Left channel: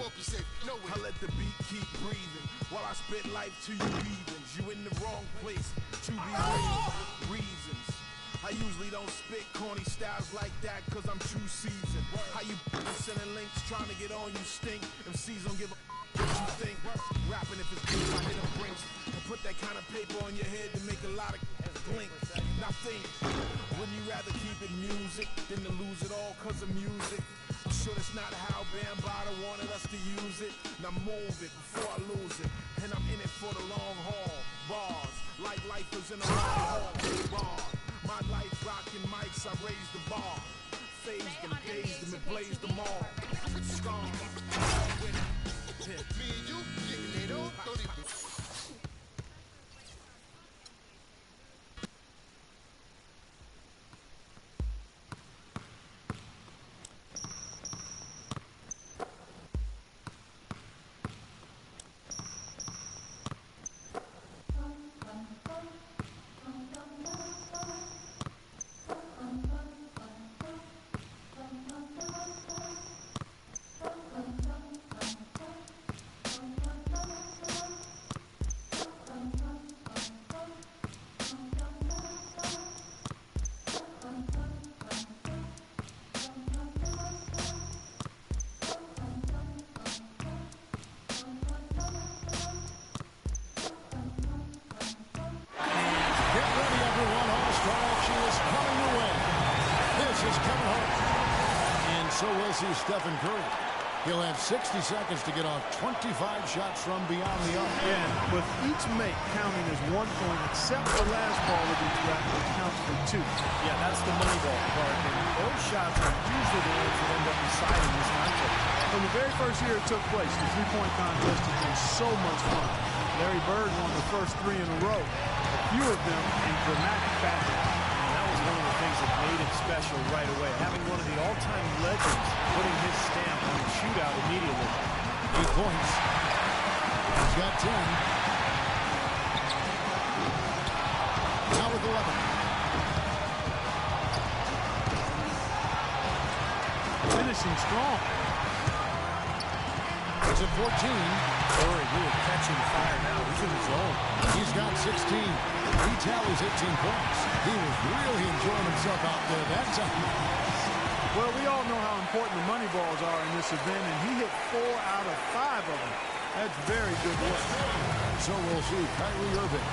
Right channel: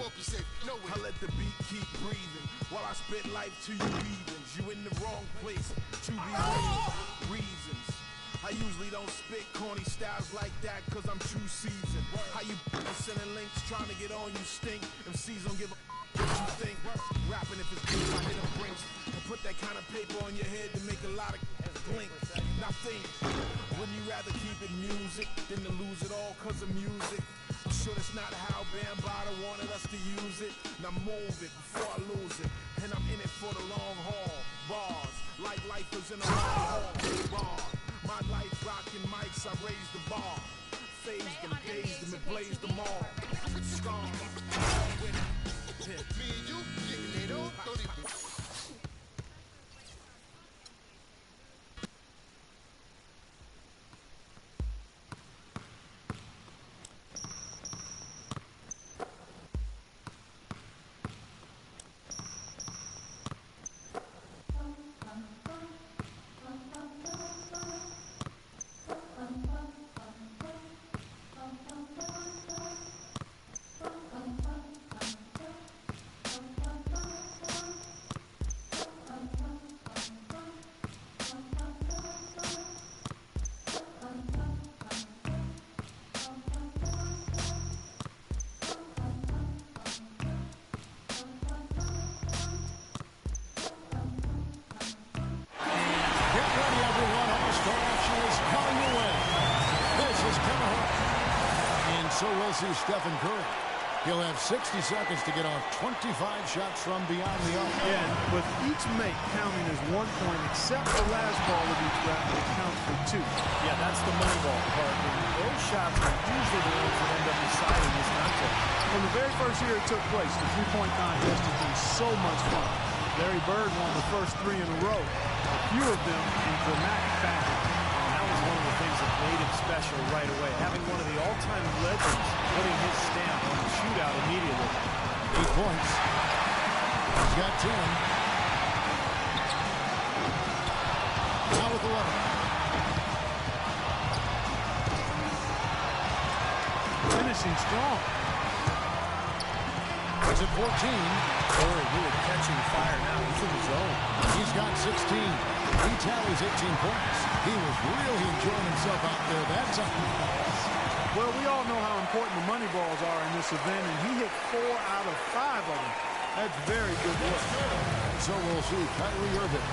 I let the beat keep breathing while I spit life to you heathens. You in the wrong place to be waiting. Reasons. I usually don't spit corny styles like that cause I'm too seasoned. How you sending links trying to get on you stink. MCs don't give a what you think. Rapping if it's beef, I hit a brinks and put that kind of paper on your head to make a lot of blink. Now think, wouldn't you rather keep it music than to lose it all cause of music? I'm sure that's not how Bambaataa wanted us to use it. Now move it before I lose it. And I'm in it for the long haul. Bars, like lifers in a long haul. Bar, my life rocking mics, I raised the bar. Phased them, dazed them, and blazed them all. Strong, with it. Me and you, they don't even. Get ready, everyone. All-Star action is coming your way. This is Kevin Hart. And so we'll see Stephen Curry. He'll have 60 seconds to get off 25 shots from beyond the arc. Yeah, with each make counting as 1 point, except the last ball of each rap, which counts for 2. Yeah, that's the money ball part. And those shots are usually the ones that end up deciding this contest. From the very first year it took place, the three-point contest has been so much fun. Larry Bird won the first 3 in a row, a few of them in dramatic fashion. And that was one of the things that made it special right away. Having one of the all-time legends putting his stamp on the shootout immediately. 8 points. He's got 10. Now with 11. Finishing strong. He's at 14. Curry really catching fire now. He's in the zone. He's got 16. He tallies 18 points. He was really enjoying himself out there that time. Well, we all know how important the money balls are in this event, and he hit 4 out of 5 of them. That's very good work. So we'll see Kyrie Irving.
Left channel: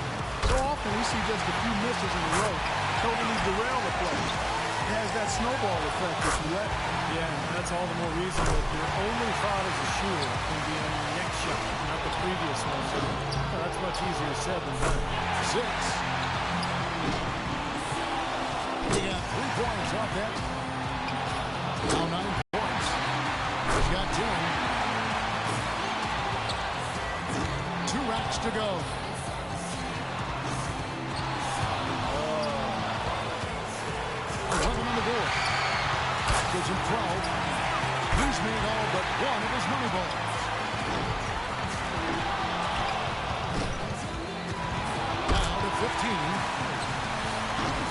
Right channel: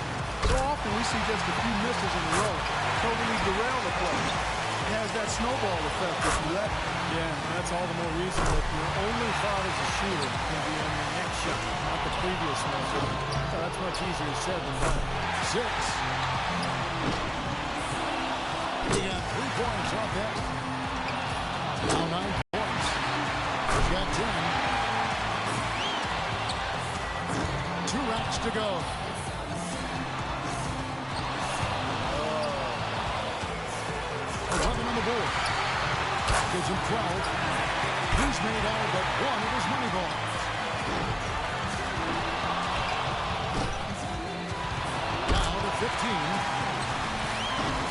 So often we see just a few misses in a row totally derail the play. It has that snowball effect if you let it. Yeah, that's all the more reason that your only thought as a shooter can be on your next shot, not the previous one. So that's much easier said than done. 6. He got 3 points off that. Now 9 points. He's got 10. 2 racks to go. 11 on the board. Gives him 12. He's made all but one of his money balls. Now to 15.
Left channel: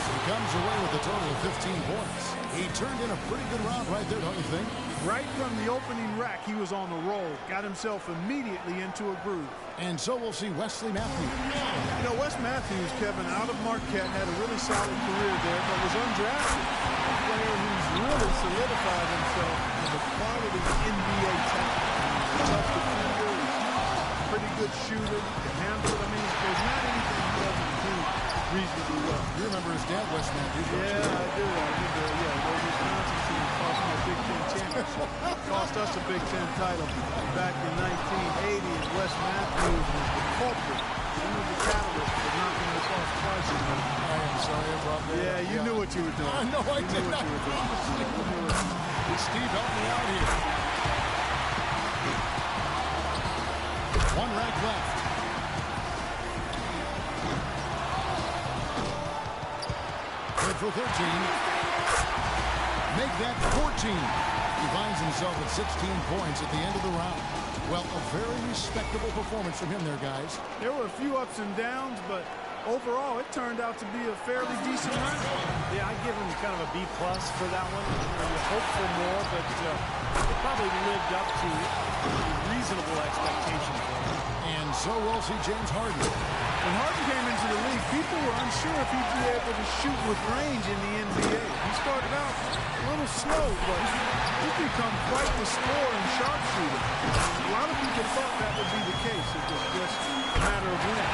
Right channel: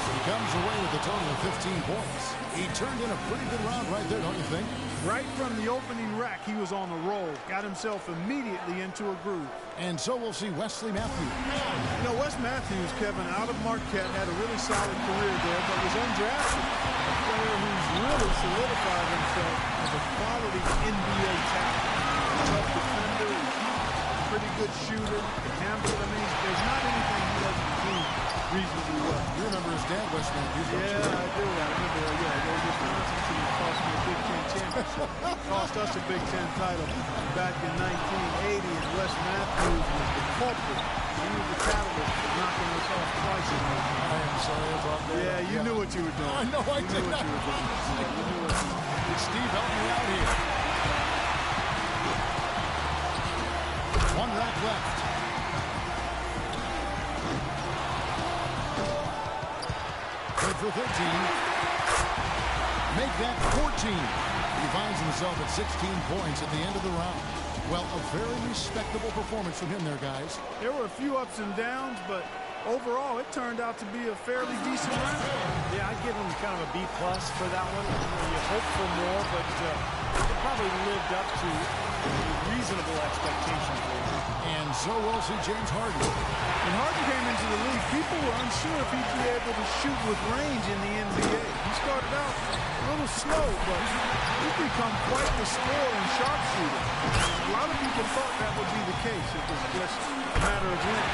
He comes away with a total of 15 points. He turned in a pretty good round right there, don't you think? Right from the opening rack, he was on the roll. Got himself immediately into a groove. And so we'll see Wesley Matthews. You know, Wes Matthews, Kevin, out of Marquette, had a really solid career there, but was undrafted. A player who's really solidified himself as a quality NBA talent. A tough defender, pretty good shooter, can handle it. I mean, there's not anything he doesn't do reasonably well. You remember his dad, Wes Matthews, don't you? Yeah, I do. I remember, those Wisconsin team cost me a Big Ten championship. Cost us a Big Ten title back in 1980, and Wes Matthews was the culprit. He was the catalyst for knocking us off twice in there. I am sorry I brought that up. You knew what you were doing. I know I did. You knew what you were doing. You knew it. Steve, help me out here. 1 rack left. Good for 13. Make that 14. He finds himself at 16 points at the end of the round. Well, a very respectable performance from him there, guys. There were a few ups and downs, but overall, it turned out to be a fairly decent round. Yeah, I'd give him kind of a B+ for that one. You hope for more, but it probably lived up to a reasonable expectation for him. And so we'll see James Harden. When Harden came into the league, people were unsure if he'd be able to shoot with range in the NBA. He started out a little slow, but he's become quite the scorer and sharpshooter. And a lot of people thought that would be the case. It was just a matter of when.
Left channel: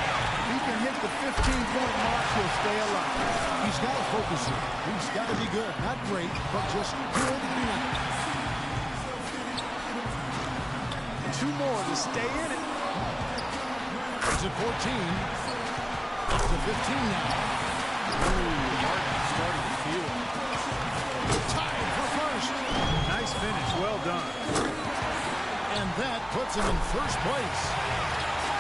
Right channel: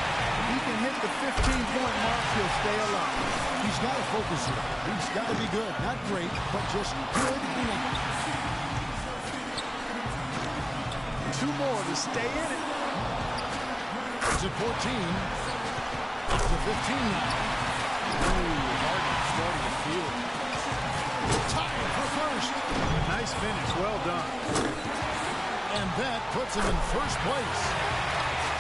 If he can hit the 15-point mark, he'll stay alive. He's got to focus here. He's got to be good. Not great, but just good enough. 2 more to stay in it. He's at 14. Up to 15 now. Ooh, Harden starting to feel it. Tied for first. Nice finish. Well done. And that puts him in first place.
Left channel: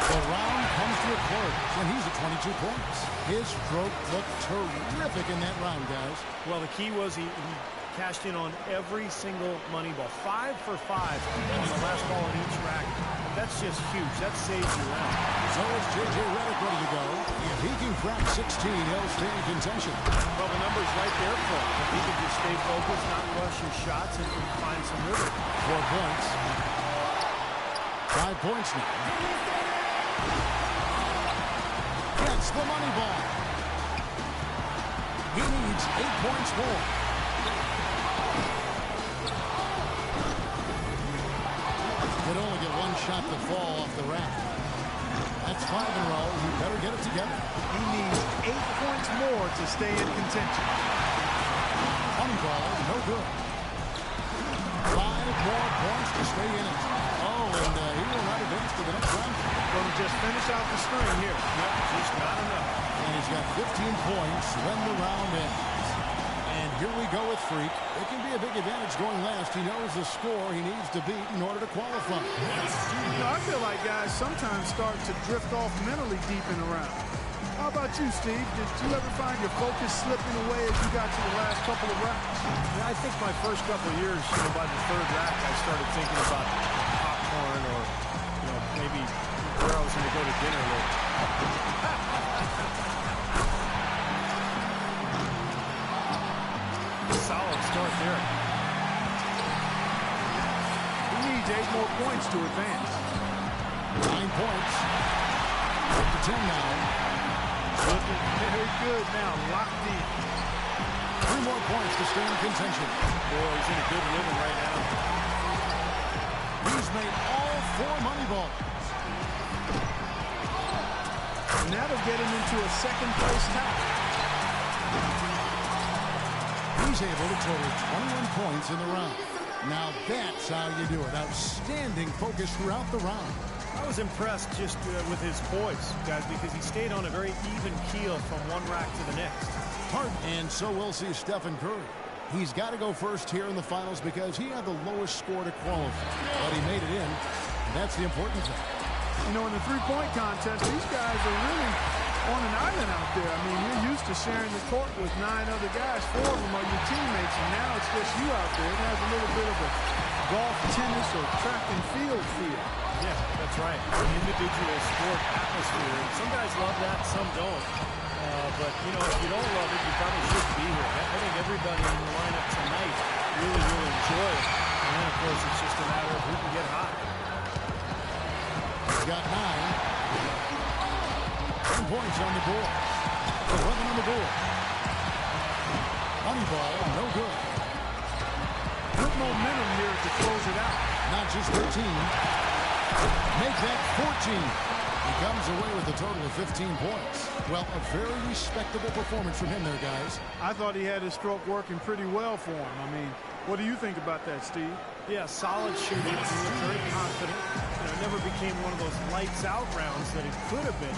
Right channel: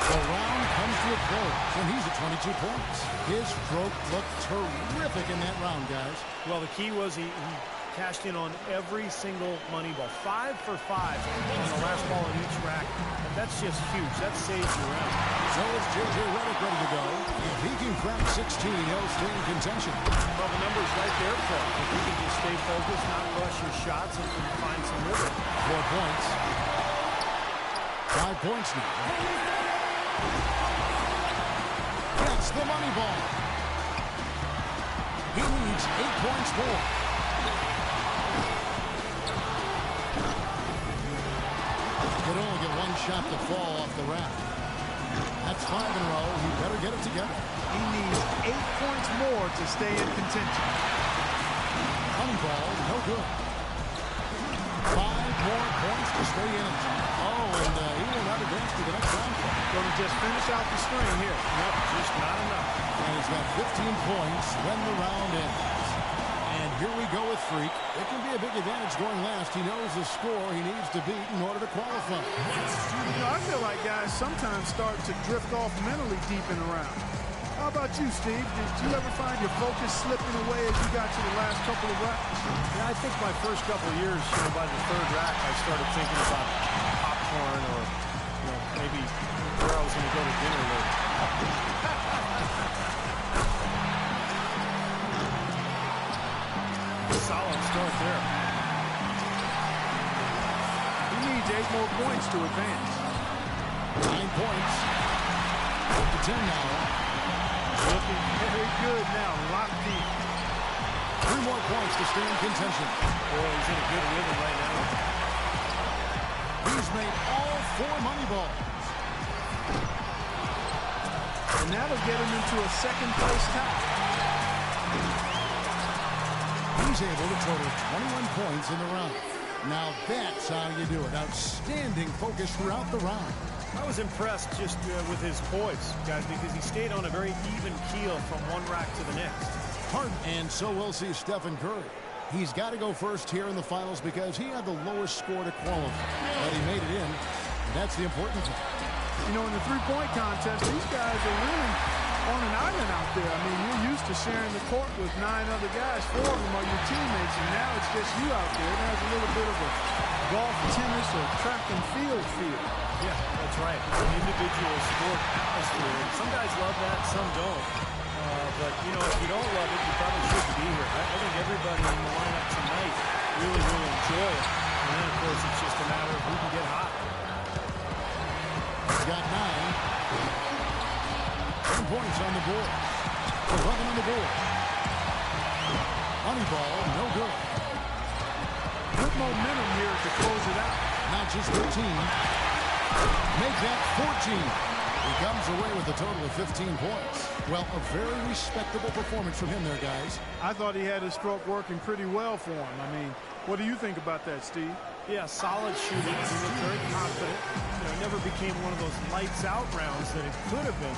The round comes to a close, and he's at 22 points. His stroke looked terrific in that round, guys. Well, the key was he cashed in on every single money ball. 5 for 5 on the last ball in each rack. And that's just huge. That saves your round. So is J.J. Redick ready to go. If he can crack 16, he'll stay in contention. Well, the number's right there for him. If he can just stay focused, not rush his shots, and find some rhythm. 4 points. 5 points now. Gets the money ball. He needs 8 points more. Could only get 1 shot to fall off the rack. That's 5 in a row. He better get it together. He needs 8 points more to stay in contention. Money ball, no good. 5 more points to stay in it. Oh, and he will not advance to the next round. Going to just finish out the string here. Nope, just not enough. And he's got 15 points when the round ends. And here we go with Freak. It can be a big advantage going last. He knows the score he needs to beat in order to qualify. You know, I feel like guys sometimes start to drift off mentally deep in the round. How about you, Steve? Did you ever find your focus slipping away as you got to the last couple of racks? Yeah, I think my first couple of years, by the 3rd rack, I started thinking about popcorn or, maybe where I was going to go to dinner later. Solid start there. He needs 8 more points to advance. 9 points. Up to 10 now. Looking very good now, locked in. 3 more points to stay in contention. Boy, he's in a good rhythm right now. He's made all 4 money balls. And that'll get him into a 2nd place tie. He's able to total 21 points in the round. Now that's how you do it. Outstanding focus throughout the round. I was impressed just with his poise, guys, because he stayed on a very even keel from one rack to the next. Harden. And so we'll see Stephen Curry. He's got to go first here in the finals because he had the lowest score to qualify. But he made it in, and that's the important thing. You know, in the 3-point contest, these guys are really on an island out there. I mean, you're used to sharing the court with 9 other guys. 4 of them are your teammates, and now it's just you out there. It has a little bit of a golf, tennis, or track and field feel. Yeah, that's right. An individual sport atmosphere. And some guys love that, some don't. But, if you don't love it, you probably shouldn't be here. I think everybody in the lineup tonight really will enjoy it. And then, of course, it's just a matter of who can get hot. He's got 9. 10 points on the board. 11 on the board. Money ball, no good. Good momentum here to close it out. Not just 13. Make that 14. He comes away with a total of 15 points. Well, a very respectable performance from him there, guys. I thought he had his stroke working pretty well for him. I mean, what do you think about that, Steve? Yeah, solid shooting. He looked very confident. It never became one of those lights-out rounds that it could have been.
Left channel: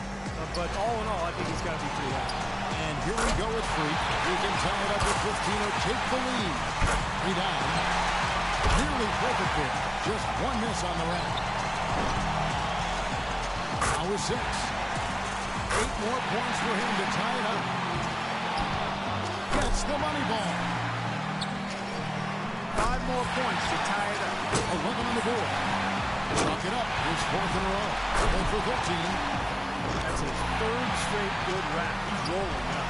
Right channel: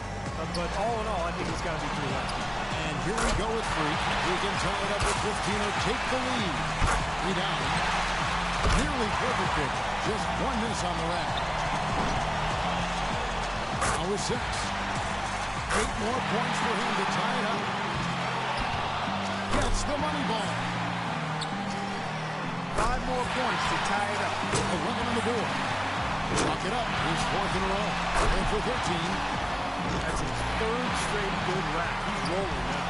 But all in all, I think he's got to be pretty happy. And here we go with Freak. He can tie it up with 15 or take the lead. 3 down. Nearly perfect pick. Just 1 miss on the rack. Now with 6. 8 more points for him to tie it up. Gets the money ball. 5 more points to tie it up. 11 on the board. Chalk it up. His 4th in a row. And for 13. That's his third straight good rack. He's rolling now.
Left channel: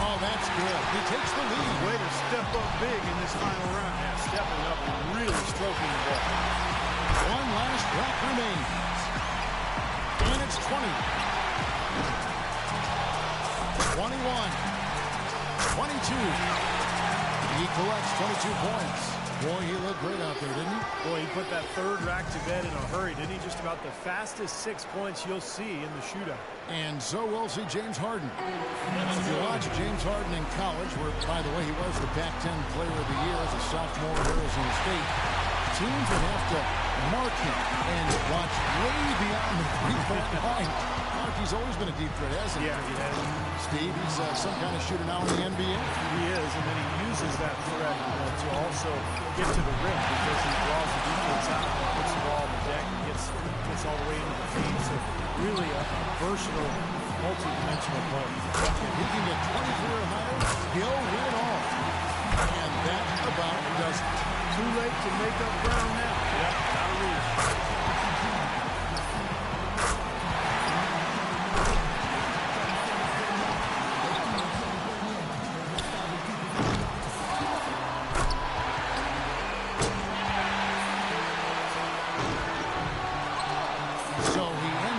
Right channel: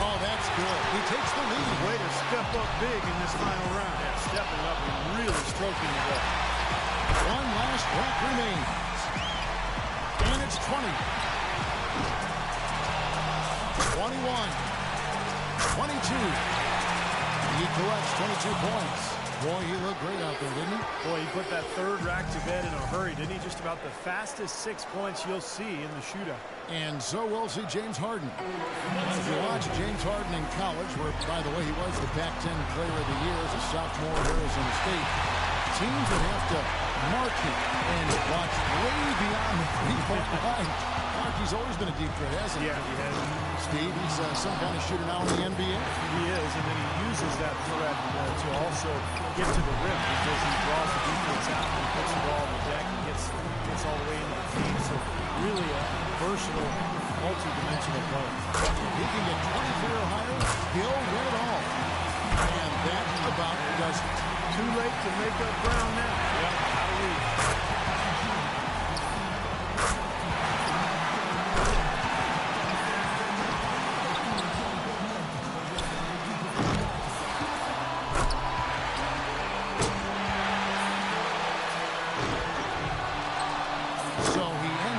Oh, that's good. He takes the lead. Way to step up big in this final round. Yeah, stepping up and really stroking the ball. One last rack remains. And it's 20. 21. 22. He collects 22 points. Boy, he looked great out there, didn't he? Boy, he put that third rack to bed in a hurry, didn't he? Just about the fastest 6 points you'll see in the shootout. And so we'll see James Harden. If you watch James Harden in college, where, by the way, he was the Pac-10 Player of the Year as a sophomore at Arizona State, teams would have to mark him and watch way beyond the three-point line. Mark, he's always been a deep threat, hasn't he? Yeah, he has. Steve, he's some kind of shooter now in the NBA. He is, and then he uses that threat to also get to the rim because he draws the defense out and puts the ball on the deck and gets all the way into the paint. So really a versatile, multi-dimensional player. If he can get 23 or higher, he'll win it all. And that about does it. Too late to make up ground now. Yep, out of reach.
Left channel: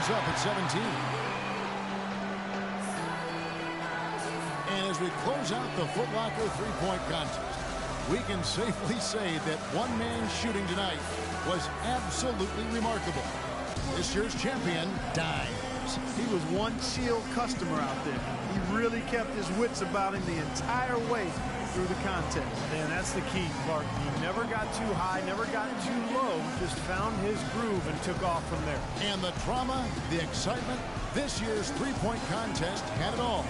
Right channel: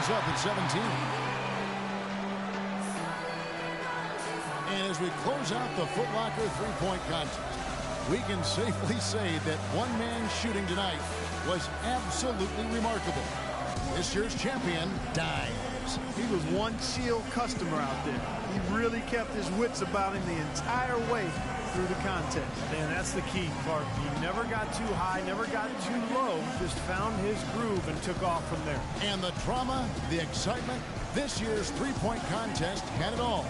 Up at 17. And as we close out the Foot Locker three-point contest, we can safely say that one man's shooting tonight was absolutely remarkable. This year's champion, Dimes. He was one chill customer out there. He really kept his wits about him the entire way through the contest. And that's the key, Clark. He never got too high, never got too low, just found his groove and took off from there. And the drama, the excitement, this year's three-point contest had it all.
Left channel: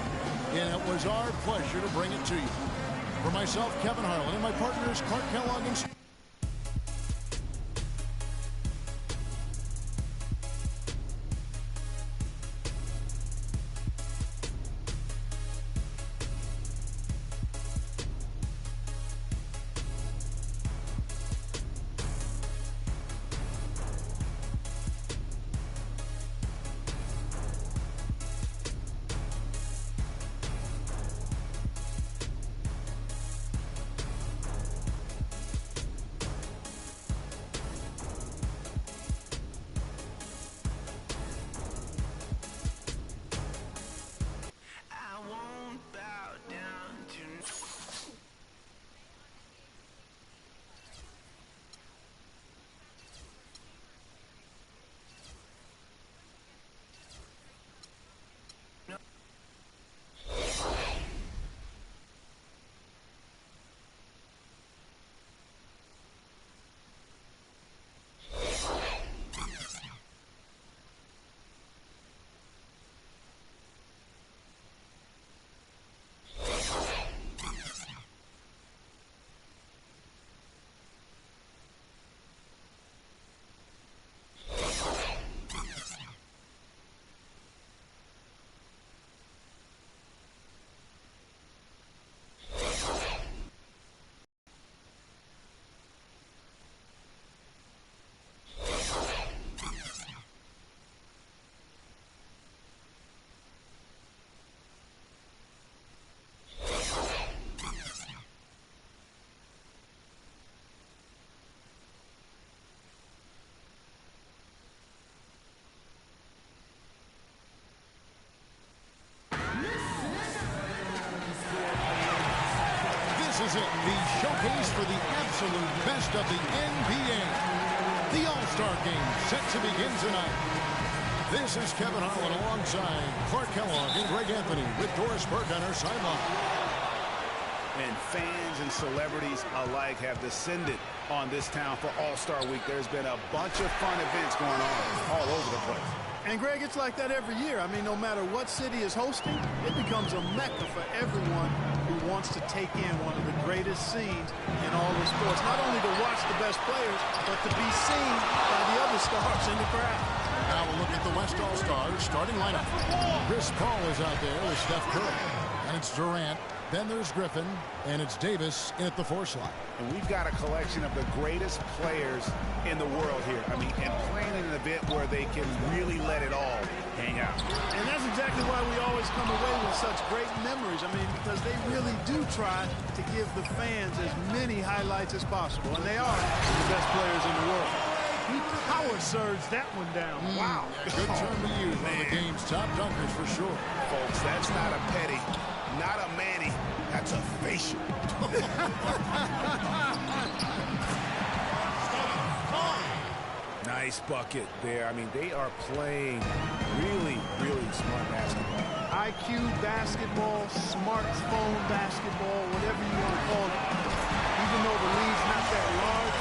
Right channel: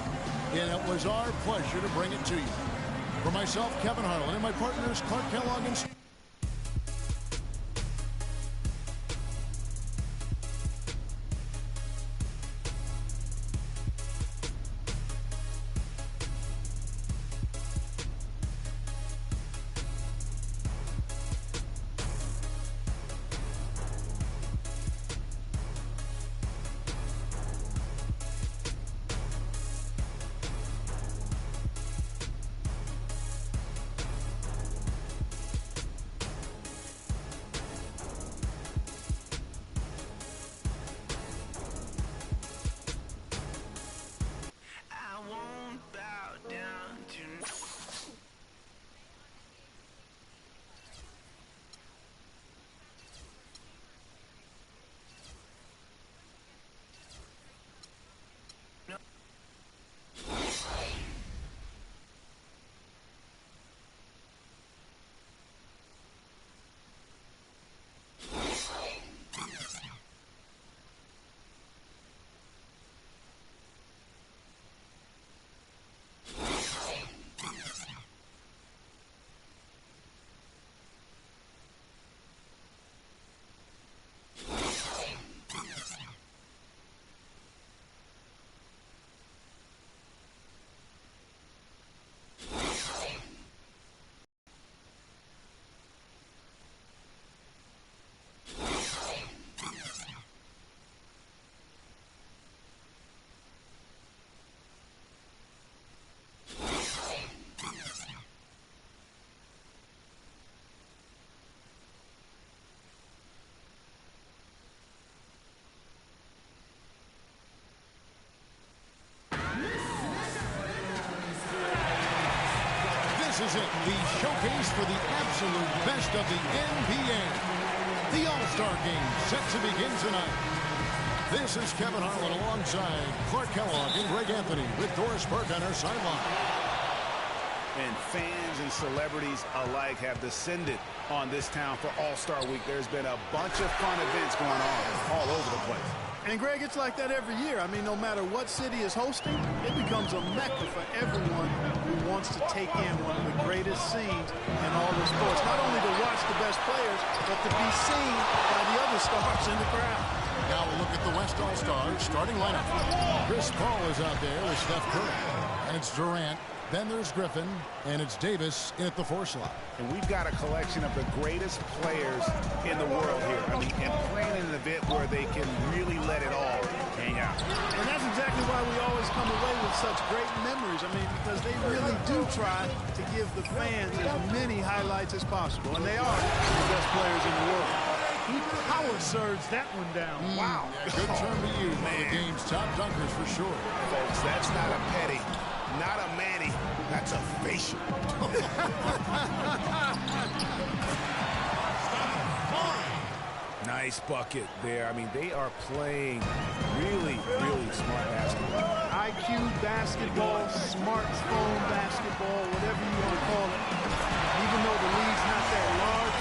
And it was our pleasure to bring it to you. For myself, Kevin Harlan, and my partners, Clark Kellogg and This is it, the showcase for the absolute best of the NBA. The All-Star Game set to begin tonight. This is Kevin Harlan alongside Clark Kellogg and Greg Anthony with Doris Burke on our sideline. And fans and celebrities alike have descended on this town for All-Star Week. There's been a bunch of fun events going on all over the place. And, Greg, it's like that every year. I mean, no matter what city is hosting, it becomes a mecca for everyone who wants to take in one of the greatest scenes in all the sports. Not only to watch the best players, but to be seen by the other stars in the crowd. Now we'll look at the West All-Stars starting lineup. Chris Paul is out there with Steph Curry. And it's Durant, Then there's Griffin, and it's Davis in at the 4 slot. And we've got a collection of the greatest players in the world here. I mean, and playing in an event where they can really let it all hang out. And that's exactly why we always come away with such great memories. I mean, because they really do try to give the fans as many highlights as possible. And they are the best players in the world. He power surged that one down. Wow. Yeah, good term to use. One of the game's top dunkers for sure. Folks, that's not a petty, not a Manny, that's a facial. Nice bucket there. I mean, they are playing really, really smart basketball. IQ basketball, smartphone basketball, whatever you want to call it. Even though the lead's not that large,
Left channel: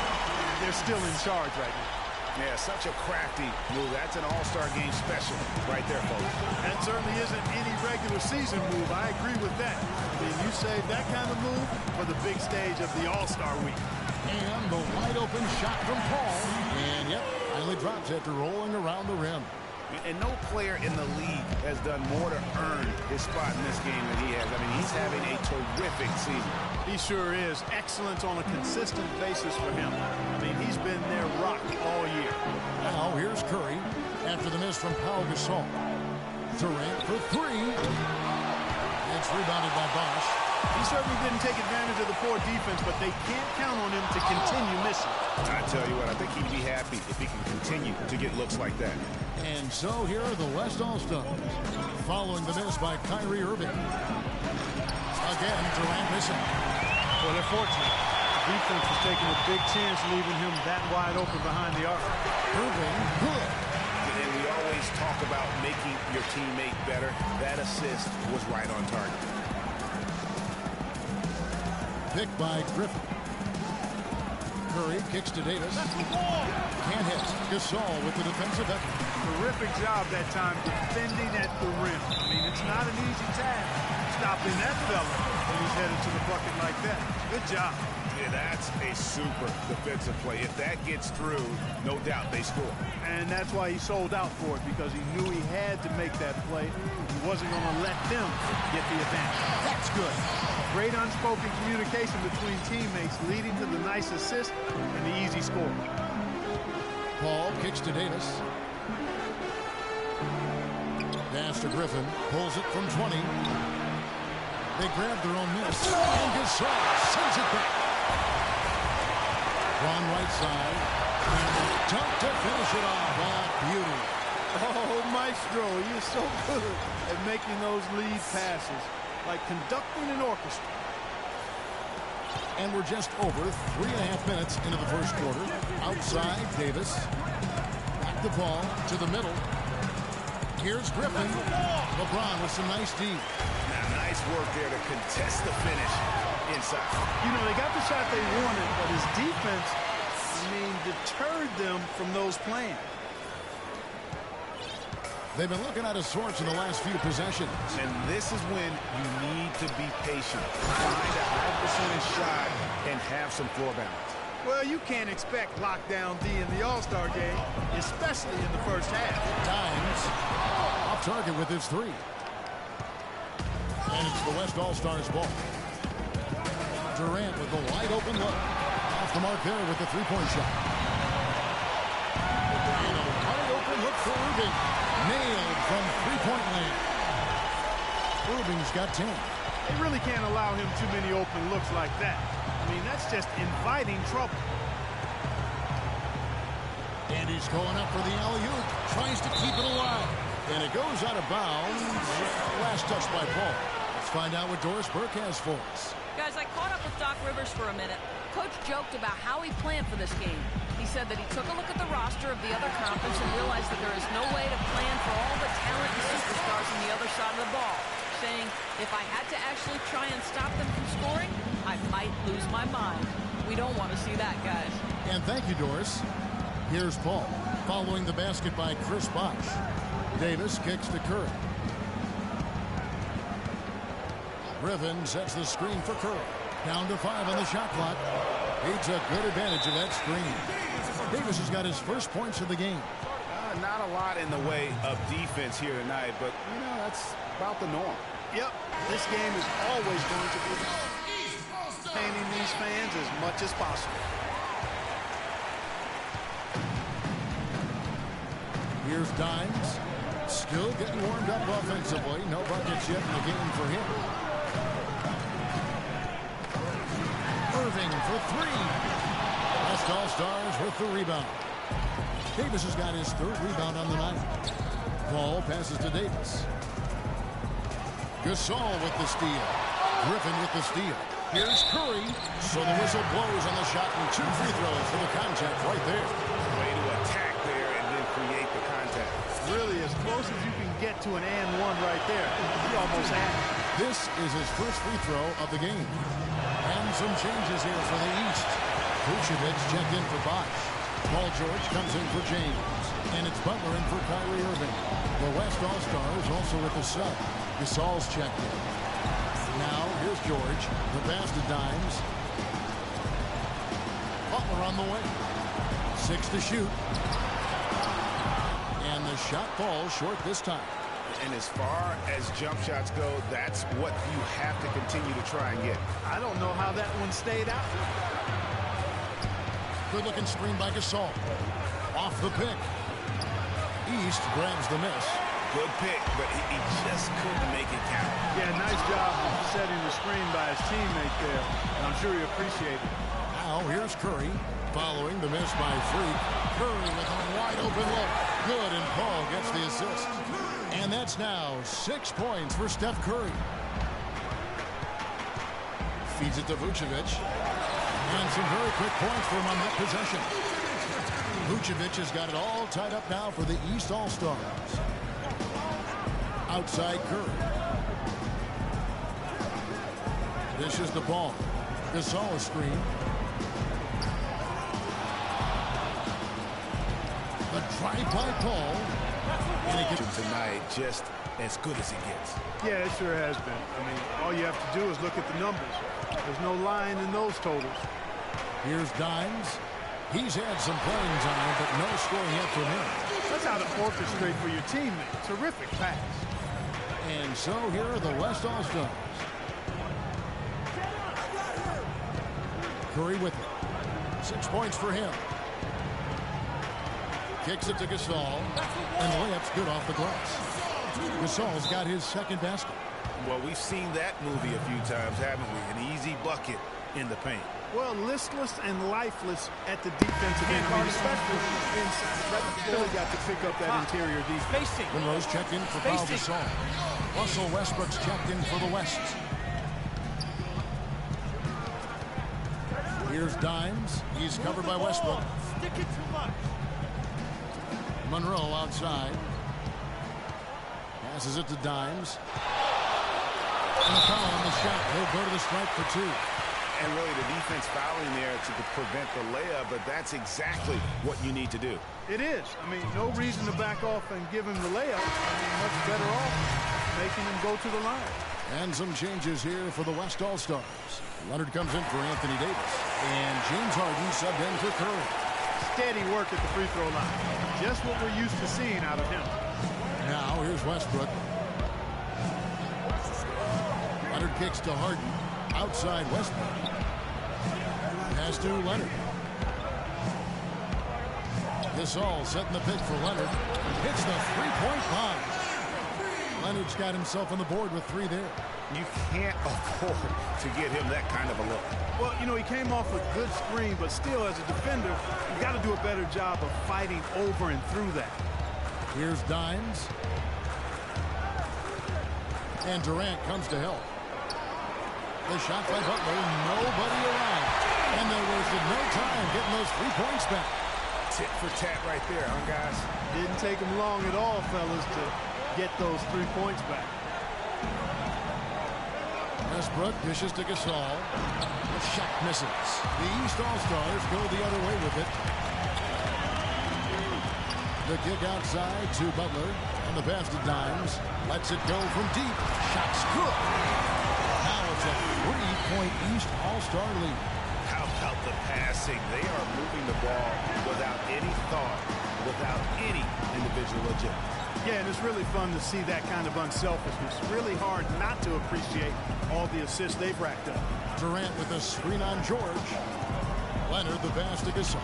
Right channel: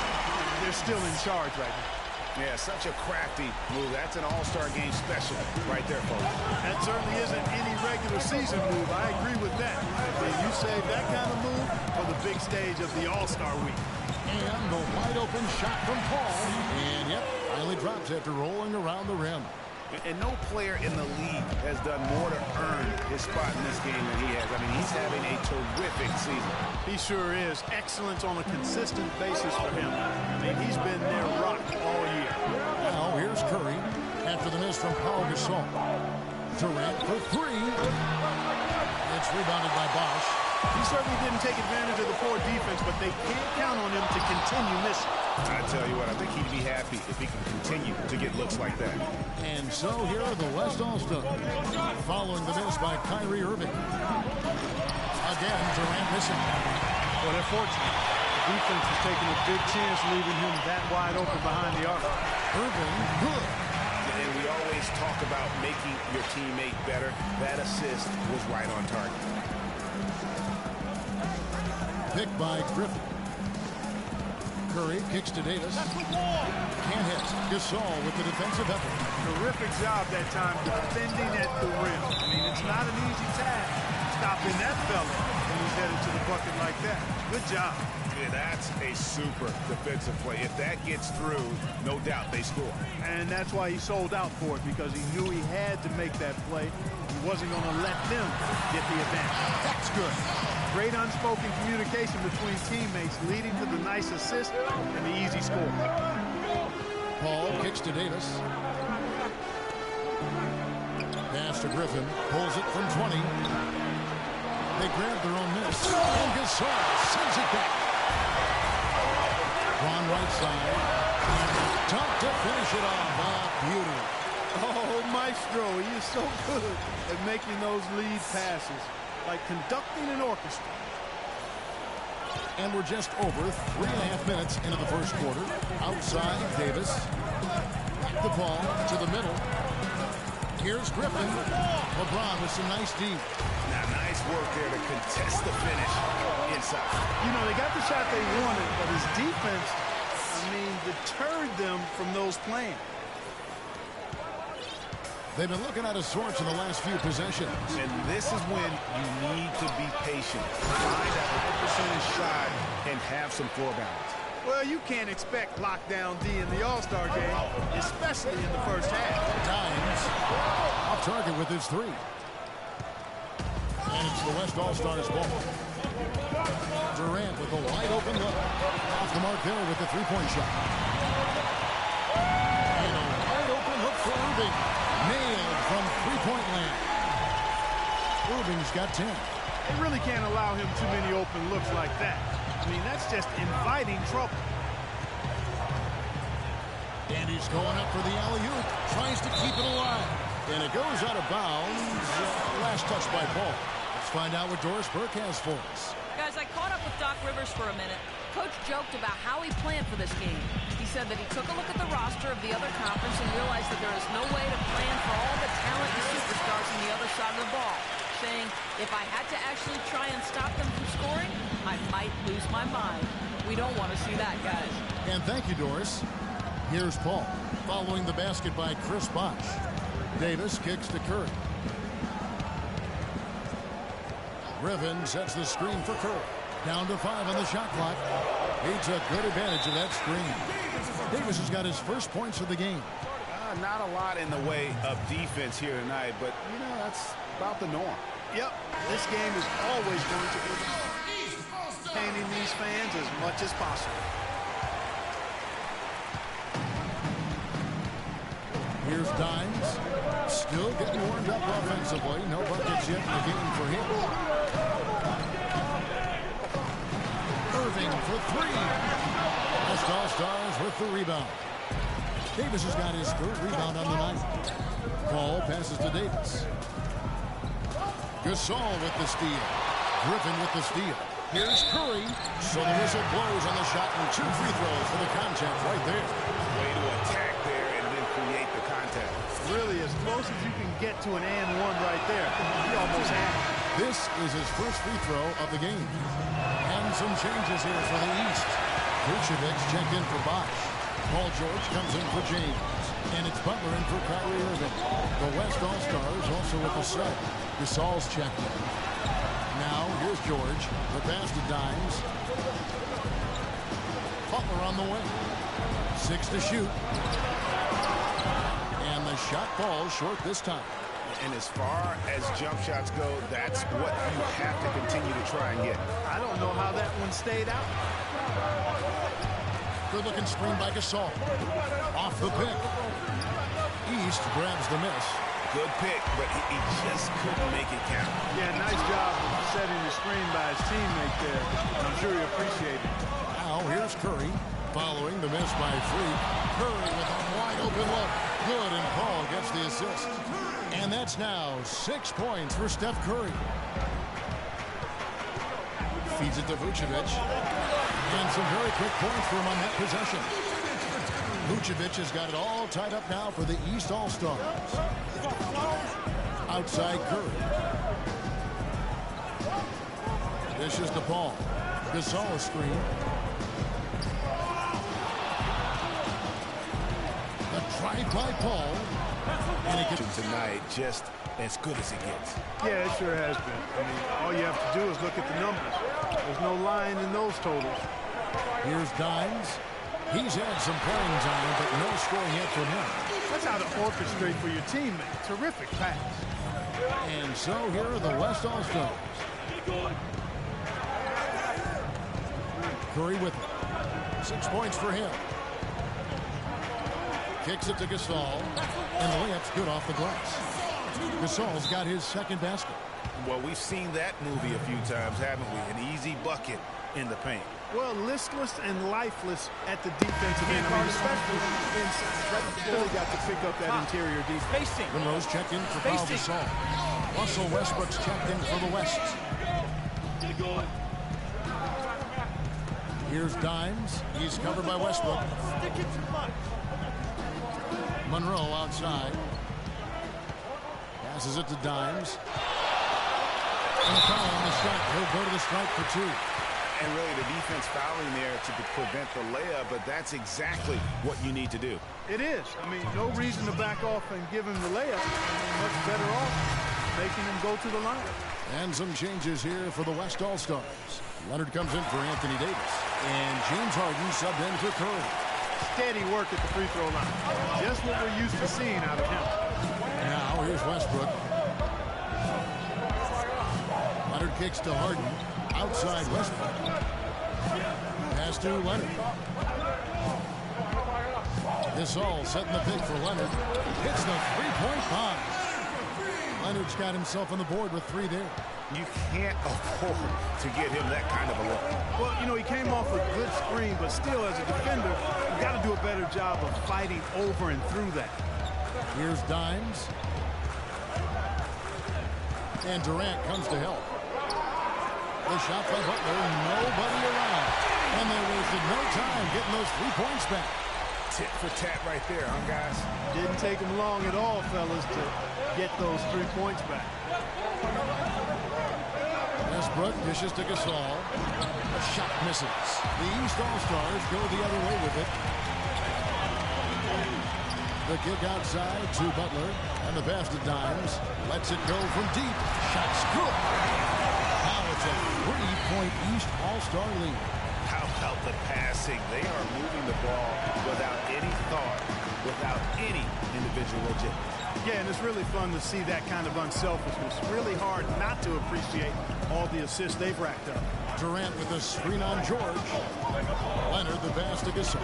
they're still in charge right now. Yeah, such a crafty move. That's an all-star game special right there, folks. That certainly isn't any regular season move. I agree with that. I mean, you save that kind of move for the big stage of the All-Star week. And the wide-open shot from Paul. And, yep, finally drops after rolling around the rim. And no player in the league has done more to earn his spot in this game than he has. I mean, he's having a terrific season. He sure is. Excellence on a consistent basis for him. I mean, he's been their rock all year. Now, here's Curry after the miss from Pau Gasol. Durant for 3. It's rebounded by Bosch. He certainly didn't take advantage of the poor defense, but they can't count on him to continue missing. I tell you what, I think he'd be happy if he can continue to get looks like that. And so here are the West All-Stars, following the miss by Kyrie Irving. Again, Durant missing. Well, they're fortunate. The defense is taking a big chance, leaving him that wide open behind the arc. Irving, good. And we always talk about making your teammate better. That assist was right on target. Picked by Griffin. Curry kicks to Davis. Can't hit. Gasol with the defensive effort. Terrific job that time defending at the rim. I mean, it's not an easy task stopping that fella when he's headed to the bucket like that. Good job. Yeah, that's a super defensive play. If that gets through, no doubt they score. And that's why he sold out for it, because he knew he had to make that play. He wasn't going to let them get the advantage. That's good. Great unspoken communication between teammates, leading to the nice assist and the easy score. Paul kicks to Davis. Pass to Griffin. Pulls it from 20. They grab their own miss. And Gasol sends it back. Ron right side. And a dunk to finish it off. A beauty. Oh, Maestro, he is so good at making those lead passes, like conducting an orchestra. And we're just over 3.5 minutes into the first quarter. Outside, Davis. Back the ball to the middle. Here's Griffin. LeBron with some nice D. Now, nice work there to contest the finish inside. You know, they got the shot they wanted, but his defense, I mean, deterred them from those plans. They've been looking out of sorts in the last few possessions. And this is when you need to be patient. Find a high percentage shot and have some floor balance. Well, you can't expect lockdown D in the All-Star game, especially in the first half. Dimes off target with his 3. And it's the West All-Stars ball. Durant with the wide open look. Off the mark there with the 3-point shot. And a wide open look for Irving. Nailed from 3-point land. Irving's got 10. They really can't allow him too many open looks like that. I mean, that's just inviting trouble. And he's going up for the alley-oop. Tries to keep it alive. And it goes out of bounds. Last touch by Paul. Let's find out what Doris Burke has for us. Guys, I caught up with Doc Rivers for a minute. Coach joked about how he planned for this game. He said that he took a look at the roster of the other conference and realized that there is no way to plan for all the talent and superstars on the other side of the ball, saying, if I had to actually try and stop them from scoring, I might lose my mind. We don't want to see that, guys. And thank you, Doris. Here's Paul, following the basket by Chris Bosh. Davis kicks to Curry. Griffin sets the screen for Curry. Down to 5 on the shot clock. He took good advantage of that screen. Davis has got his first points of the game. Not a lot in the way of defense here tonight, but, you know, that's about the norm. Yep, this game is always going to be entertaining these fans as much as possible. Here's Dimes. Still getting warmed up offensively. No buckets yet in the game for him. Irving for three. West All-Stars with the rebound. Davis has got his third rebound on the night. Paul passes to Davis. Gasol with the steal. Griffin with the steal. Here's Curry. So the whistle blows on the shot and 2 free throws for the contact right there. Way to attack there and then create the contact. Really as close as you can get to an and one right there. He almost had it. This is his first free throw of the game. And some changes here for the East. Vucevic checked in for Bosch. Paul George comes in for James. And it's Butler in for Kyrie Irving. The West All-Stars also with the sub. Gasol's checked in. Now, here's George. The pass to Dimes. Butler on the way. 6 to shoot. And the shot falls short this time. And as far as jump shots go, that's what you have to continue to try and get. I don't know how that one stayed out. Good-looking screen by Gasol. Off the pick. East grabs the miss. Good pick, but he just couldn't make it count. Yeah, nice job of setting the screen by his teammate there. And I'm sure he appreciated it. Now here's Curry. Following the miss by Freak. Curry with a wide-open look. Good, and Paul gets the assist. And that's now 6 points for Steph Curry. Feeds it to Vucevic. And some very quick points for him on that possession. Vucevic has got it all tied up now for the East All-Stars. Outside Curry. Dishes the ball. Gasol screen. The drive by Paul. And it gets tonight just as good as it gets. Yeah, it sure has been. I mean, all you have to do is look at the numbers. There's no lying in those totals. Here's Dimes. He's had some playing time, but no scoring yet from him. That's how to orchestrate for your teammate. Terrific pass. And so here are the West All-Stars. Curry with it. 6 points for him. Kicks it to Gasol. And the layup's good off the glass. Gasol's got his second basket. Well, we've seen that movie a few times, haven't we? An easy bucket in the paint. Well, listless and lifeless at the defensive end. I mean, especially inside. Really got to pick up that interior defense. Monroe's checked in for Paul Gasol. Russell Westbrook's checked in for the West. Here's Dimes. He's covered by Westbrook. Stick it too much. Monroe outside. Passes it to Dimes. And a foul on the shot. He'll go to the strike for 2. And really the defense fouling there to prevent the layup, but that's exactly what you need to do. It is. I mean, no reason to back off and give him the layup. I mean, much better off making him go to the line. And some changes here for the West All-Stars. Leonard comes in for Anthony Davis. And James Harden subbed in for Curry. Steady work at the free throw line. Just what we're used to seeing out of him. Now here's Westbrook. Leonard kicks to Harden. Outside Westbrook. Pass to Leonard. Gasol setting the pick for Leonard. Hits the three-point bomb. Leonard's got himself on the board with 3 there. You can't afford to get him that kind of a look. Well, you know, he came off a good screen, but still, as a defender, you got to do a better job of fighting over and through that. Here's Dimes. And Durant comes to help. The shot by Butler, nobody around. And they wasted no time getting those 3 points back. Tit for tat right there, huh, guys? Didn't take him long at all, fellas, to get those 3 points back. Westbrook dishes to Gasol. The shot misses. The East All-Stars go the other way with it. The kick outside to Butler. And the pass to Dimes. Lets it go from deep. Shot's good. Now it's a 3-point East All-Star lead. How about the passing? They are moving the ball without any thought without any individual agility. Yeah, and it's really fun to see that kind of unselfishness. Really hard not to appreciate all the assists they've racked up. Durant with a screen on George. Leonard the pass to Gasol.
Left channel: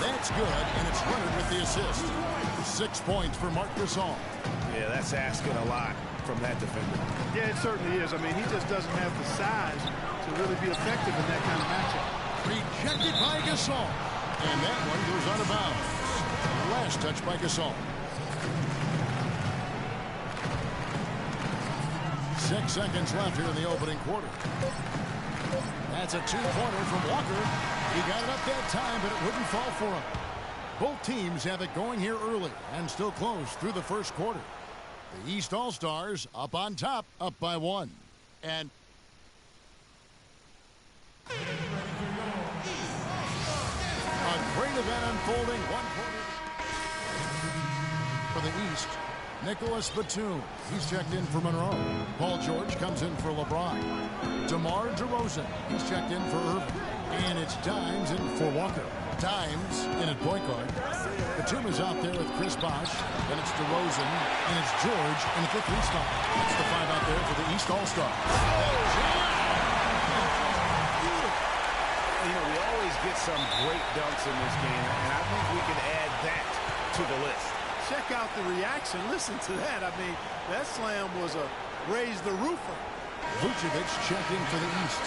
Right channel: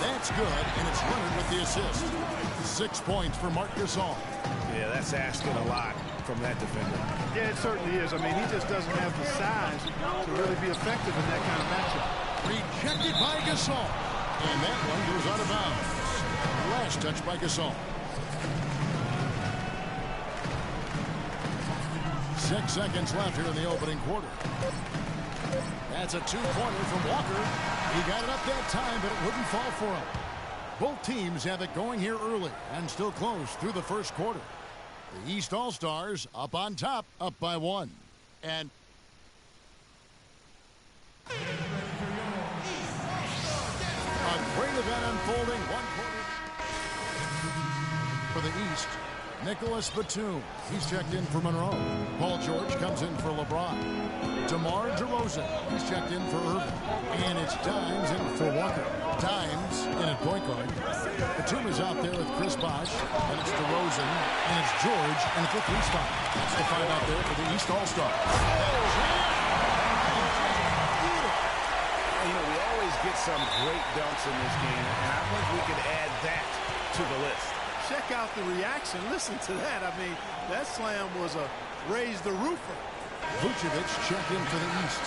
That's good, and it's Leonard with the assist. 6 points for Marc Gasol. Yeah, that's asking a lot from that defender. Yeah, it certainly is. I mean, he just doesn't have the size to really be effective in that kind of matchup. Rejected by Gasol. And that one goes out of bounds. Last touch by Gasol. 6 seconds left here in the opening quarter. That's a two-pointer from Walker. He got it up that time, but it wouldn't fall for him. Both teams have it going here early and still close through the first quarter. The East All-Stars up on top, up by 1. And a great event unfolding. 1 quarter for the East. Nicholas Batum. He's checked in for Monroe. Paul George comes in for LeBron. DeMar DeRozan. He's checked in for Irving. And it's Dimes in for Walker. Dimes in at point guard. Batum is out there with Chris Bosh. Then it's DeRozan. And it's George in at the 3 spot. That's the 5 out there for the East All-Stars. You know, we always get some great dunks in this game, and I think we can add that to the list. Check out the reaction. Listen to that. I mean, that slam was a raise the roofer. Vucevic checked in for the East.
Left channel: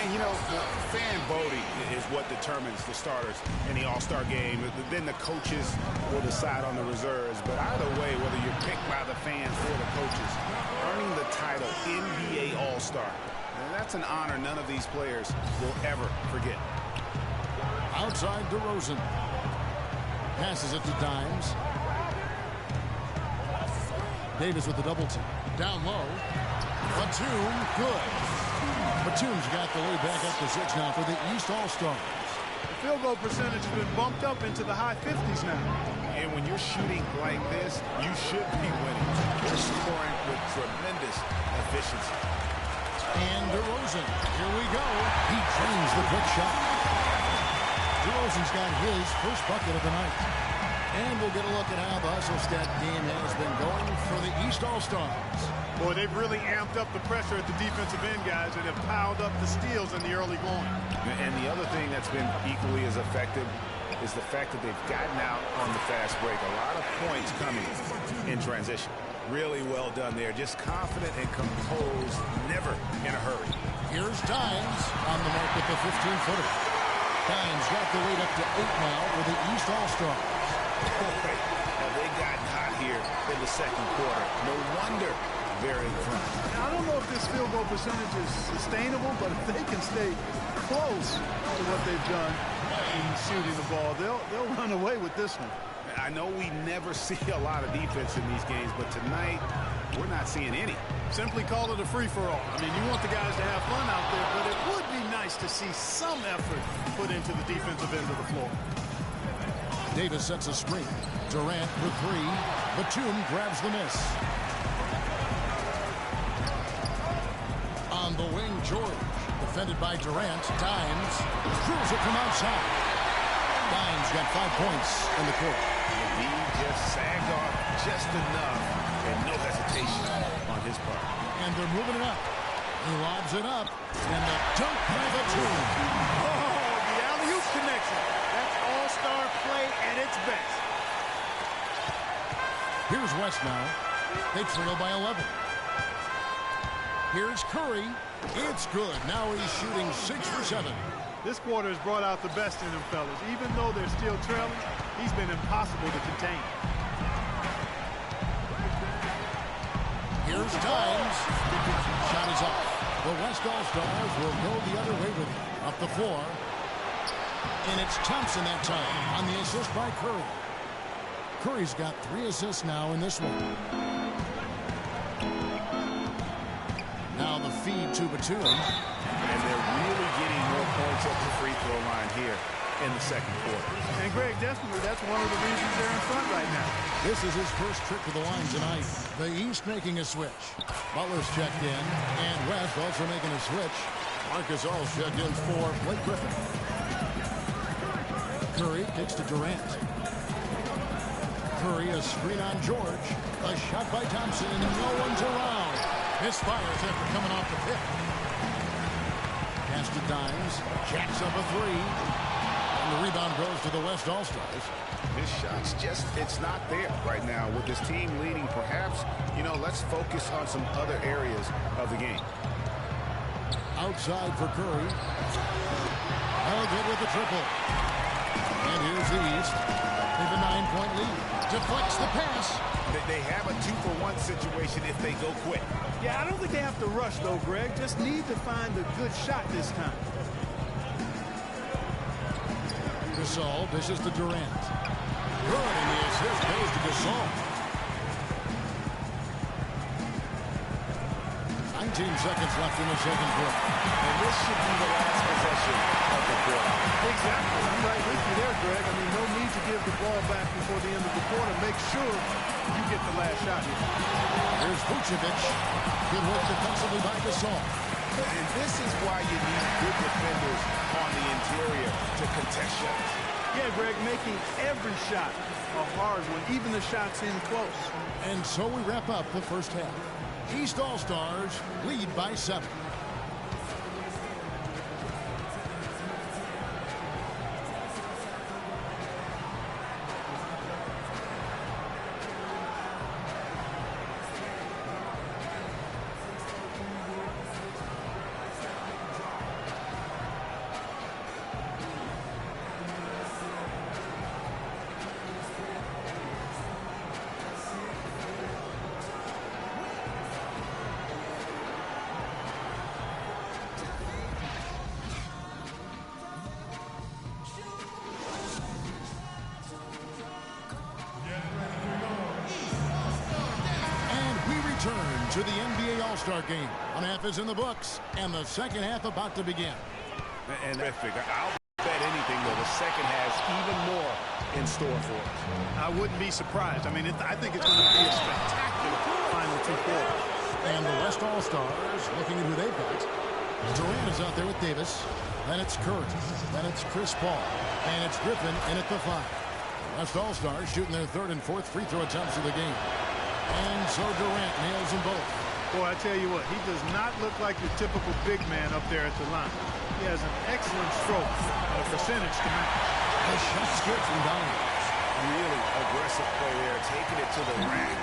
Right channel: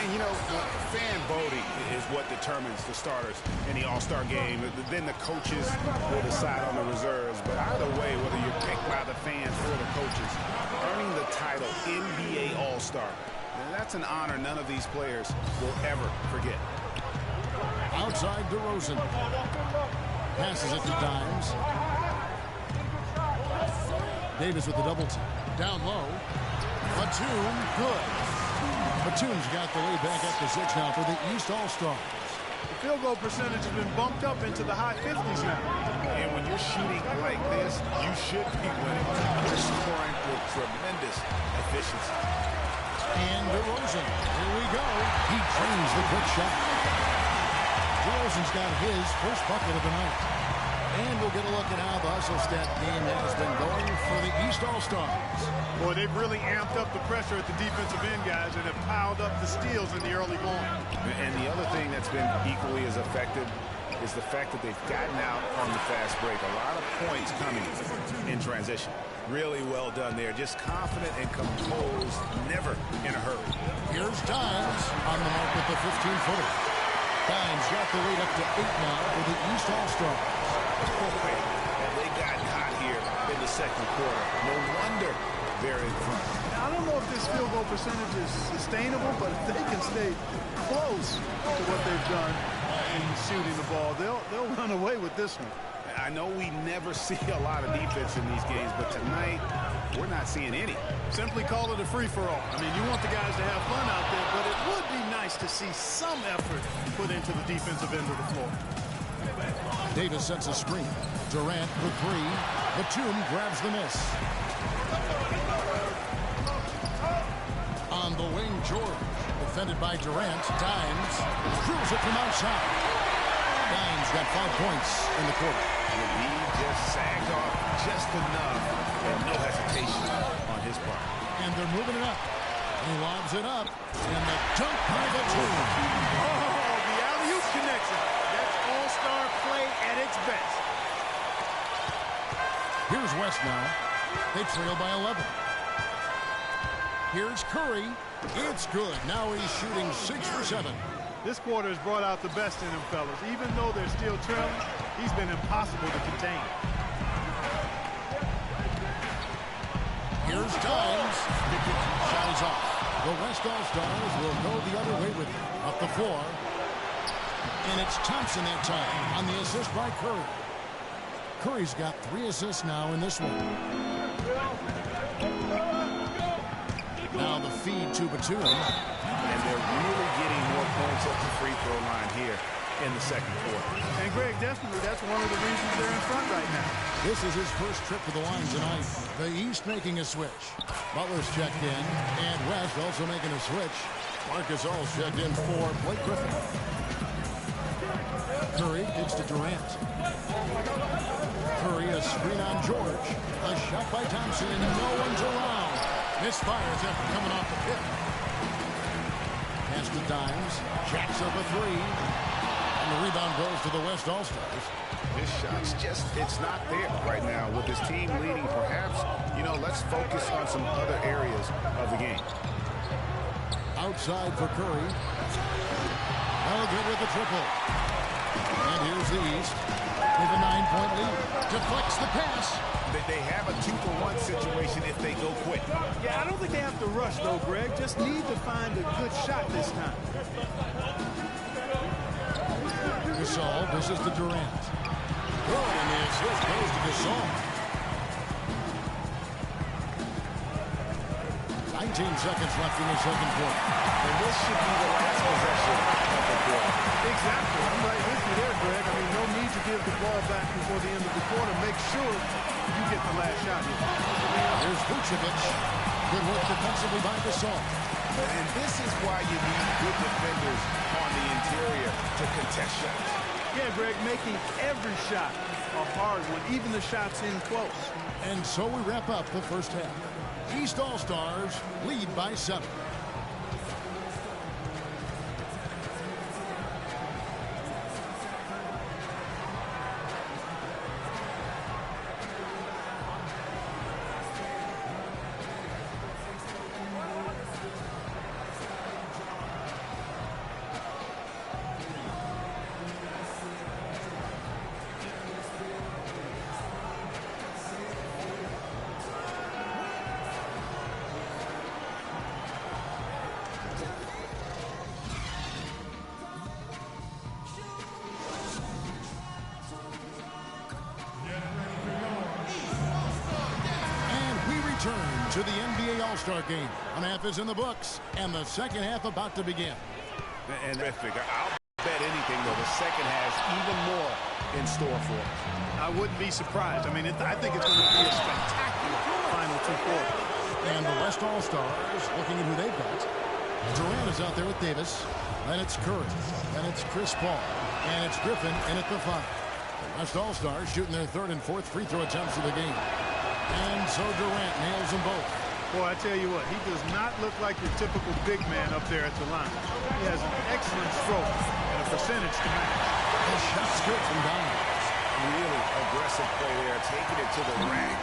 And, you know, the fan voting is what determines the starters in the All-Star game. Then the coaches will decide on the reserves. But either way, whether you're picked by the fans or the coaches, earning the title NBA All-Star, that's an honor none of these players will ever forget. Outside DeRozan. Passes it to Dimes. Davis with the double team. Down low. Batum, good. Batum's got the lead back up to 6 now for the East All-Stars. The field goal percentage has been bumped up into the high 50s now. And when you're shooting like this, you should be winning. You're scoring with tremendous efficiency. And DeRozan, here we go. He drains the quick shot. DeRozan's got his first bucket of the night. And we'll get a look at how the hustle stat game has been going for the East All-Stars. Boy, they've really amped up the pressure at the defensive end, guys, and have piled up the steals in the early going. And the other thing that's been equally as effective is the fact that they've gotten out on the fast break. A lot of points coming in transition. Really well done there. Just confident and composed, never in a hurry. Here's Dimes on the mark with the 15-footer. Dimes got the lead up to 8 now for the East All-Stars. Boy, have they gotten hot here in the second quarter. No wonder they're in front. Now, I don't know if this field goal percentage is sustainable, but if they can stay close to what they've done in shooting the ball, they'll run away with this one. I know we never see a lot of defense in these games, but tonight we're not seeing any. Simply call it a free-for-all. I mean, you want the guys to have fun out there, but it would be nice to see some effort put into the defensive end of the floor. Davis sets a screen. Durant for 3. Batum grabs the miss. On the wing, George. Defended by Durant. Dimes drills it from outside. Dimes got 5 points in the quarter. He just sagged off just enough and no hesitation on his part. And they're moving it up. He lobs it up. And the dunk by Batum. Oh, the alley-oop connection. That's all-star play at its best. Here's West now. They trail by 11. Here's Curry. It's good. Now he's shooting 6 for 7. This quarter has brought out the best in them, fellas. Even though they're still trailing, he's been impossible to contain. Here's Dimes. Shot is off. The West All-Stars will go the other way with it. Up the floor. And it's Thompson that time on the assist by Curry. Curry's got 3 assists now in this one. Now the feed to Batum. And they're really getting more points at the free throw line here in the second quarter. And Greg, definitely that's one of the reasons they're in front right now. This is his first trip to the line tonight. The East making a switch. Butler's checked in, and West also making a switch. Marc Gasol's checked in for Blake Griffin. Curry kicks to Durant. Curry, a screen on George. A shot by Thompson, and no one's around. Misfires after coming off the tip. Pass to Dimes. Jacks up a three. And the rebound goes to the West All-Stars. His shot's just, it's not there right now. With his team leading, perhaps, let's focus on some other areas of the game. Outside for Curry. Well, good with the triple. And here's the East. They have a 9-point lead. Deflects the pass. They have a 2-for-1 situation if they go quick. Yeah, I don't think they have to rush, though, Greg. Just need to find a good shot this time. Gasol dishes to Durant. Good, and the assist goes to Gasol. 19 seconds left in the second quarter. And this should be the last possession of the quarter. Exactly. I'm right with you there, Greg. I mean, no need to give the ball back before the end of the quarter. Make sure you get the last shot here. Here's Vucevic. Good work defensively by Gasol. And this is why you need good defenders on the interior to contest shots. Yeah, Greg, making every shot a hard one, even the shots in close. And so we wrap up the first half. East All-Stars lead by 7. Return to the NBA All-Star Game. One half is in the books, and the second half about to begin. And terrific. I'll bet anything, though, the second has even more in store for us. I wouldn't be surprised. I mean, I think it's going to be a spectacular final 2 quarters. And the West All-Stars looking at who they've got. Durant is out there with Davis. Then it's Curry. Then it's Chris Paul. And it's Griffin in at the 5. The West All-Stars shooting their 3rd and 4th free throw attempts of the game. And so Durant nails them both. Boy, I tell you what, he does not look like your typical big man up there at the line. He has an excellent stroke and a percentage to match. The shot's good from Donyell. Really aggressive play there, taking it to the rack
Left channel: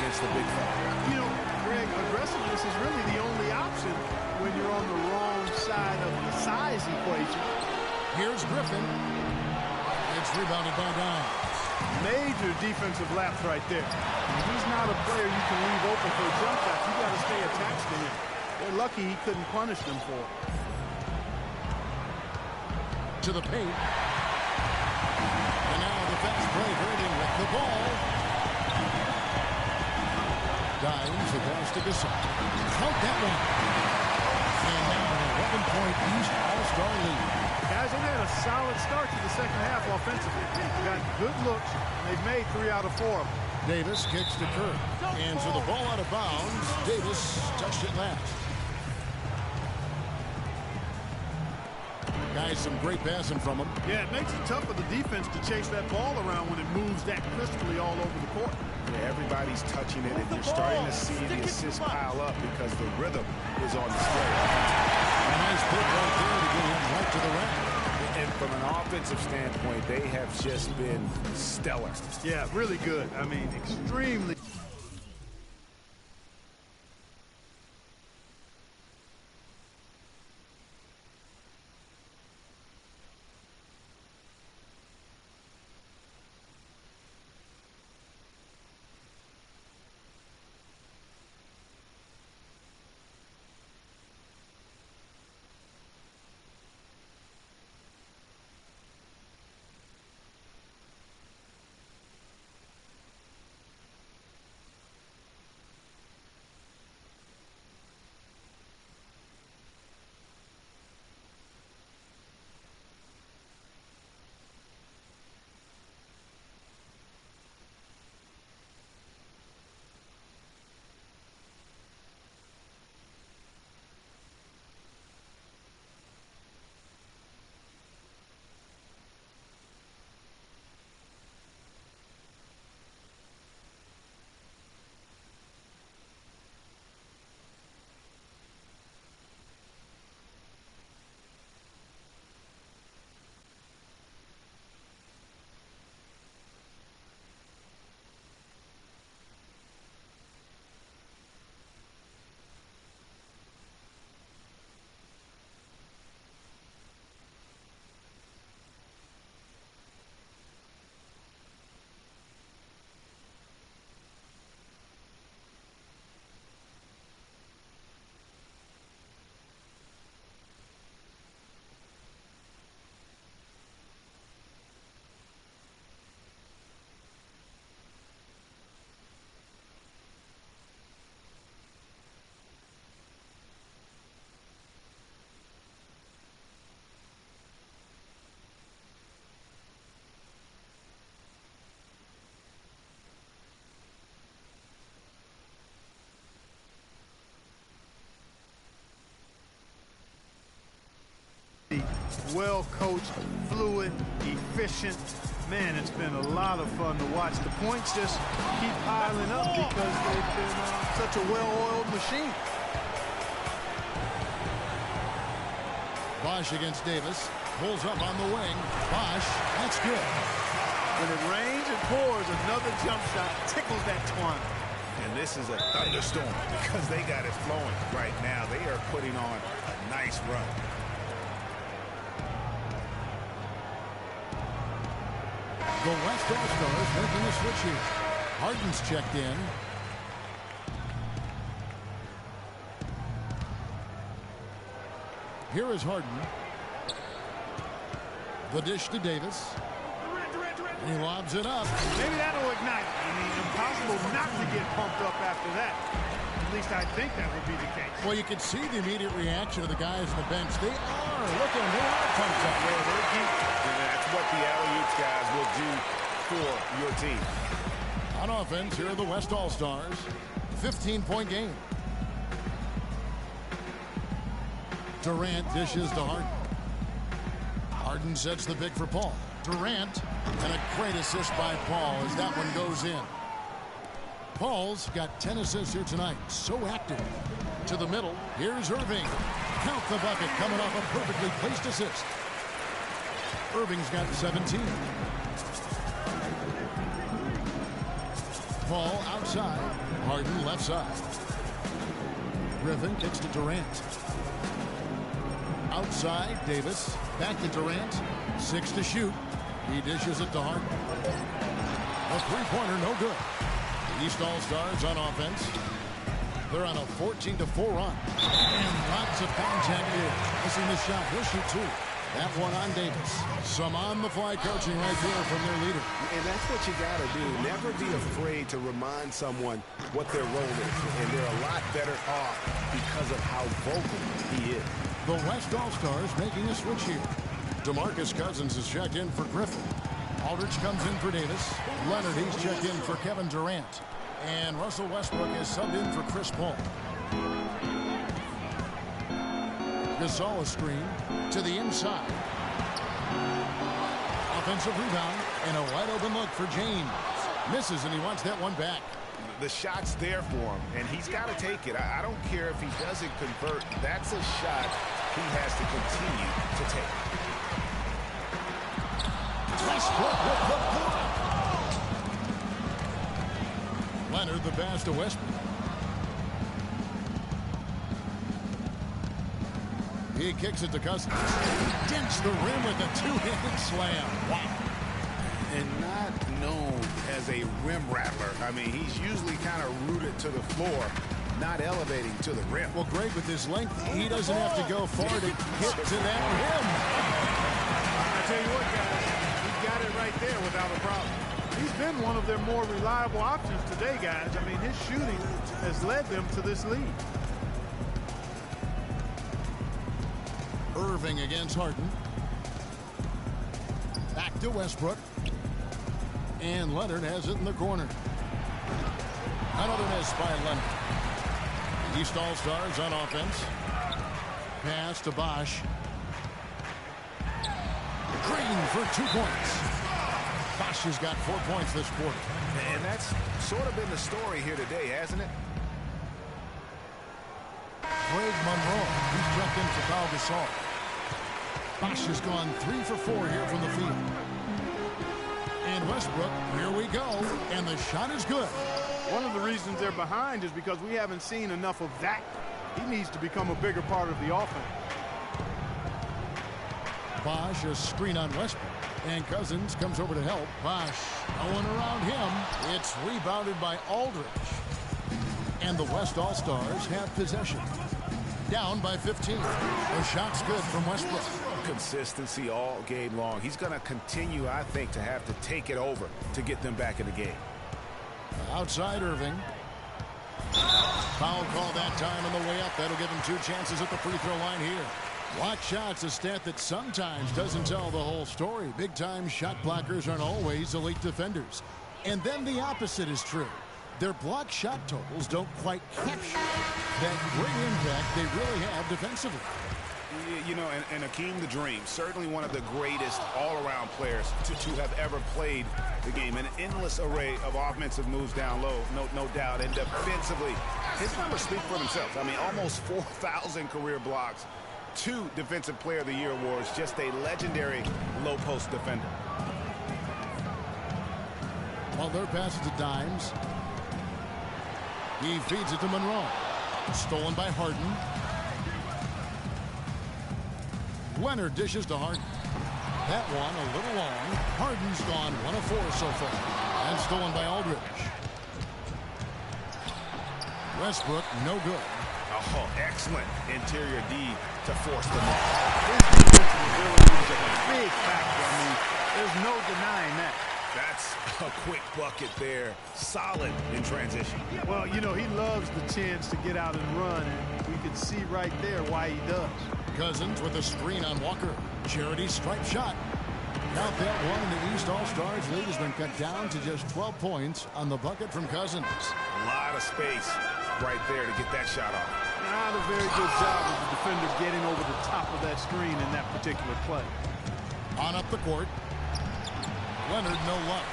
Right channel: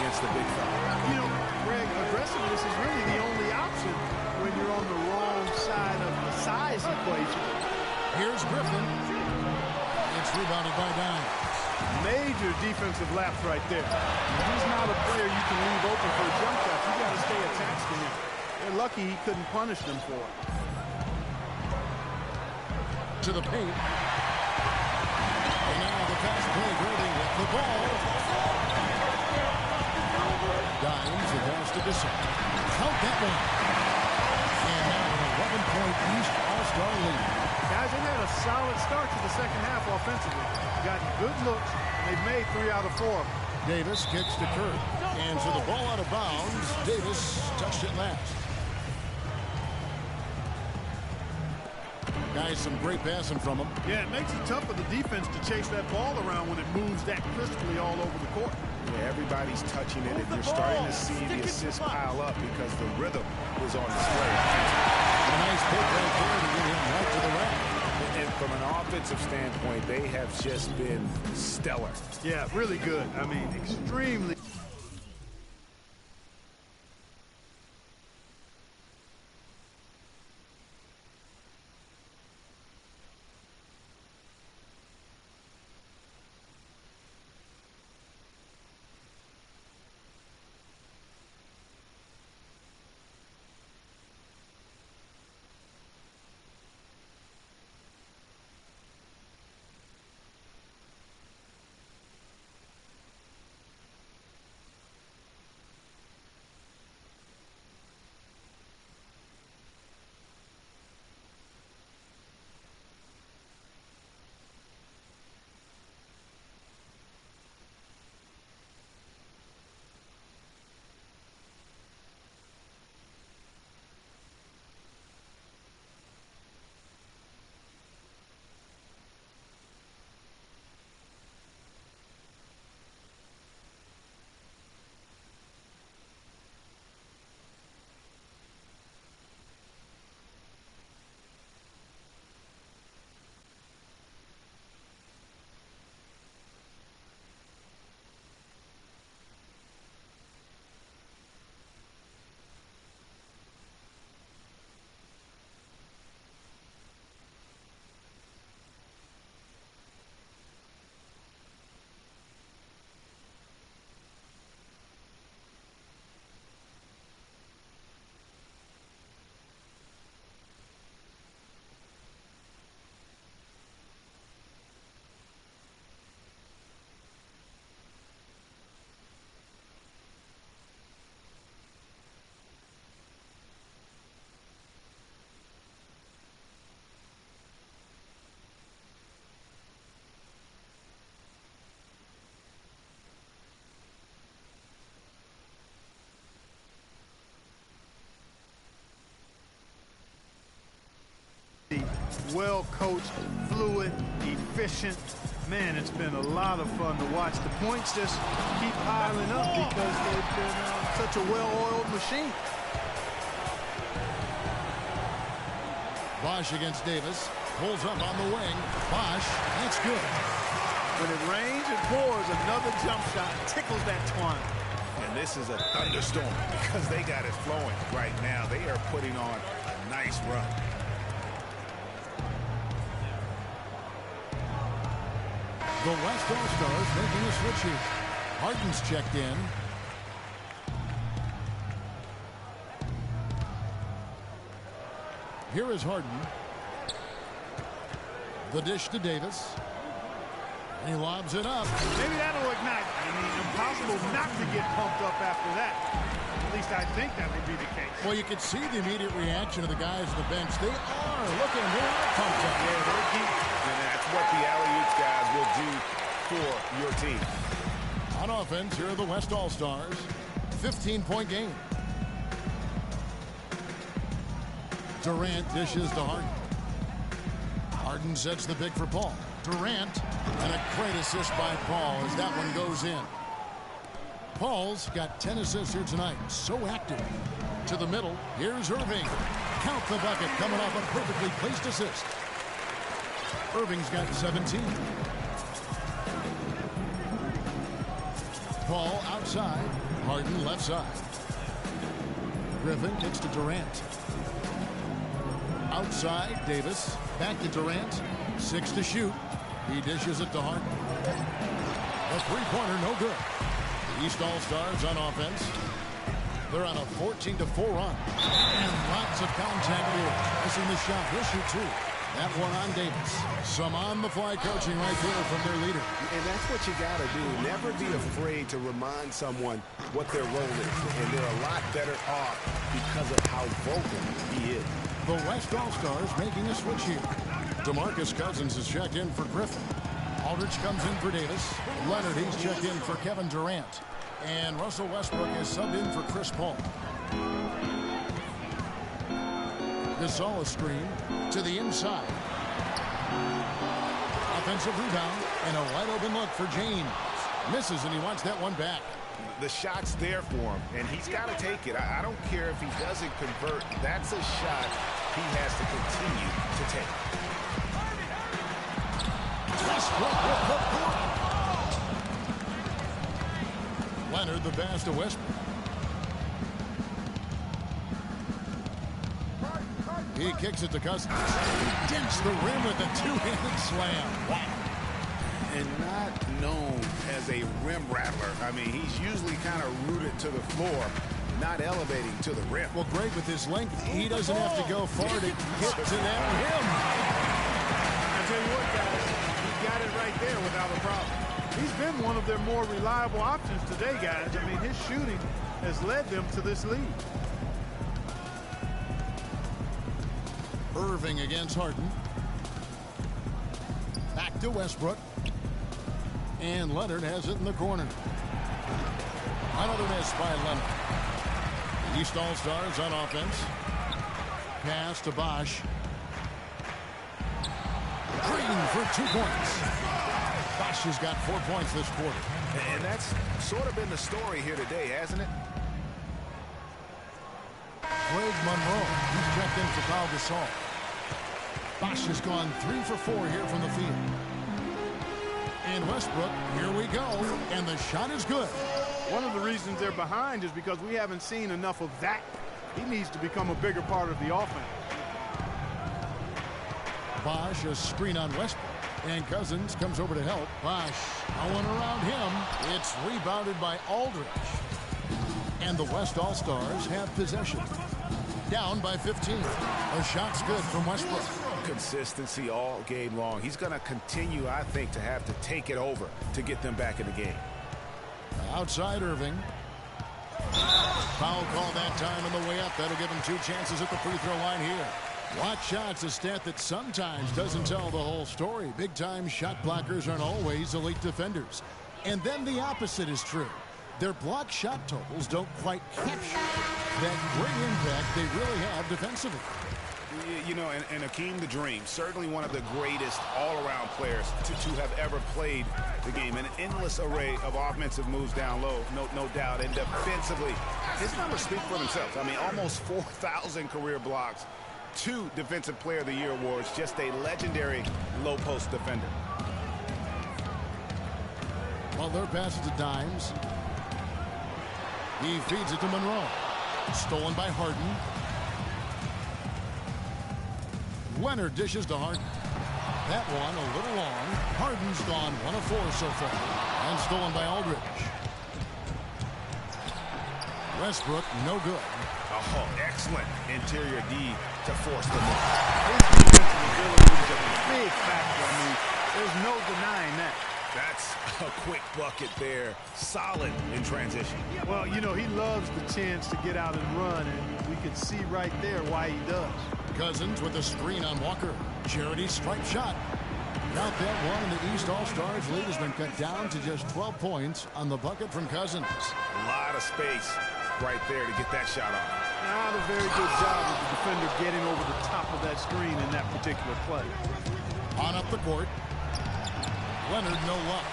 against the big fella. You know, Greg, aggressiveness is really the only option when you're on the wrong side of the size equation. Here's Griffin. It's rebounded by Dimes. Major defensive lapse right there. He's not a player you can leave open for a jump shot. You got to stay attached to him. They're lucky he couldn't punish them for it. To the paint. And now the fast break. Irving with the ball. Dimes the pass to Gasol. Count that one. And now an 11-point East All-Star lead. Guys, they've had a solid start to the second half offensively. Got good looks, and they've made 3 out of 4 of them. Davis kicks to Curry. And so the ball out of bounds. Davis touched it last. Guys, some great passing from him. Yeah, it makes it tough for the defense to chase that ball around when it moves that crisply all over the court. Yeah, everybody's touching it, and you're starting to see the assists pile up because the rhythm is on display. A nice pick right there to get him right to the rack. And from an offensive standpoint, they have just been stellar. Yeah, really good. I mean, extremely. well coached, fluid, efficient. Man, it's been a lot of fun to watch. The points just keep piling up because they've been such a well-oiled machine. Bosch against Davis. Pulls up on the wing. Bosch, that's good. When it rains and pours, another jump shot tickles that twine. And this is a thunderstorm because they got it flowing right now. They are putting on a nice run. The West All-Stars making a switch here. Harden's checked in. Here is Harden. The dish to Davis. And he lobs it up. Maybe that'll ignite. I mean, impossible not to get pumped up after that. At least I think that would be the case. Well, you can see the immediate reaction of the guys on the bench. They are. Look at them. They are pumped up. Yeah, they're deep. And that's what the alley-oops guys will do for your team. On offense, here are the West All-Stars. 15-point game. Durant dishes to Harden. Harden sets the pick for Paul. Durant, and a great assist by Paul as that one goes in. Paul's got 10 assists here tonight. So active. To the middle, here's Irving. Count the bucket coming off a perfectly placed assist. Irving's got 17. Paul outside. Harden left side. Griffin kicks to Durant. Outside, Davis. Back to Durant. 6 to shoot. He dishes it to Harden. A three-pointer, no good. The East All-Stars on offense. They're on a 14-4 run. And lots of contact there. Missing the shot. He'll shoot 2. That one on Davis. Some on-the-fly coaching right there from their leader. And that's what you got to do. Never be afraid to remind someone what their role is. And they're a lot better off because of how vocal he is. The West All-Stars making a switch here. DeMarcus Cousins is checked in for Griffin. Aldridge comes in for Davis. Leonard, he's checked in for Kevin Durant. And Russell Westbrook is subbed in for Chris Paul. Gasol a screen to the inside. Offensive rebound and a wide open look for James. Misses, and he wants that one back. The shot's there for him, and he's got to take it. I don't care if he doesn't convert. That's a shot he has to continue to take. Westbrook with the block. Leonard the pass to Westbrook. He kicks it to Cousins. He dents the rim with a two-handed slam. Wow. And not known as a rim rattler. I mean, he's usually kind of rooted to the floor, not elevating to the rim. Well, great with his length. He doesn't have to go far to get to that rim. I tell you what, guys, he got it right there without a problem. He's been one of their more reliable options today, guys. I mean, his shooting has led them to this lead. Irving against Harden. Back to Westbrook. And Leonard has it in the corner. Another miss by Leonard. The East All-Stars on offense. Pass to Bosch. Green for 2 points. Bosch has got 4 points this quarter. And that's sort of been the story here today, hasn't it? Greg Monroe, he's checked in for Pau Gasol. Bosch has gone 3 for 4 here from the field. And Westbrook, here we go, and the shot is good. One of the reasons they're behind is because we haven't seen enough of that. He needs to become a bigger part of the offense. Bosch a screen on Westbrook, and Cousins comes over to help. Bosch, no one around him. It's rebounded by Aldridge. And the West All-Stars have possession. Down by 15. The shot's good from Westbrook. Consistency all game long. He's going to continue, I think, to have to take it over to get them back in the game. Outside Irving. Foul call that time on the way up. That'll give him 2 chances at the free throw line here. Block shots, a stat that sometimes doesn't tell the whole story. Big-time shot blockers aren't always elite defenders. And then the opposite is true. Their block shot totals don't quite capture that great impact they really have defensively. You know, and Akeem the Dream, certainly one of the greatest all-around players to have ever played the game. An endless array of offensive moves down low, no doubt. And defensively, his numbers speak for themselves. I mean, almost 4,000 career blocks, 2 Defensive Player of the Year awards, just a legendary low-post defender. Well, their pass to Dimes. He feeds it to Monroe. Stolen by Harden. Leonard dishes to Harden. That one a little long. Harden's gone 1 of 4 so far. And stolen by Aldridge. Westbrook, no good. Oh, excellent interior D to force the move. His defensive ability is a big factor. I mean, there's no denying that. That's a quick bucket there. Solid in transition. Well, you know, he loves the chance to get out and run, and we could see right there why he does. Cousins with a screen on Walker. Charity stripe shot. Count that one, and the East All-Stars lead has been cut down to just 12 points on the bucket from Cousins. A lot of space right there to get that shot off. Not a very good job of the defender getting over the top of that screen in that particular play. On up the court. Leonard, no luck.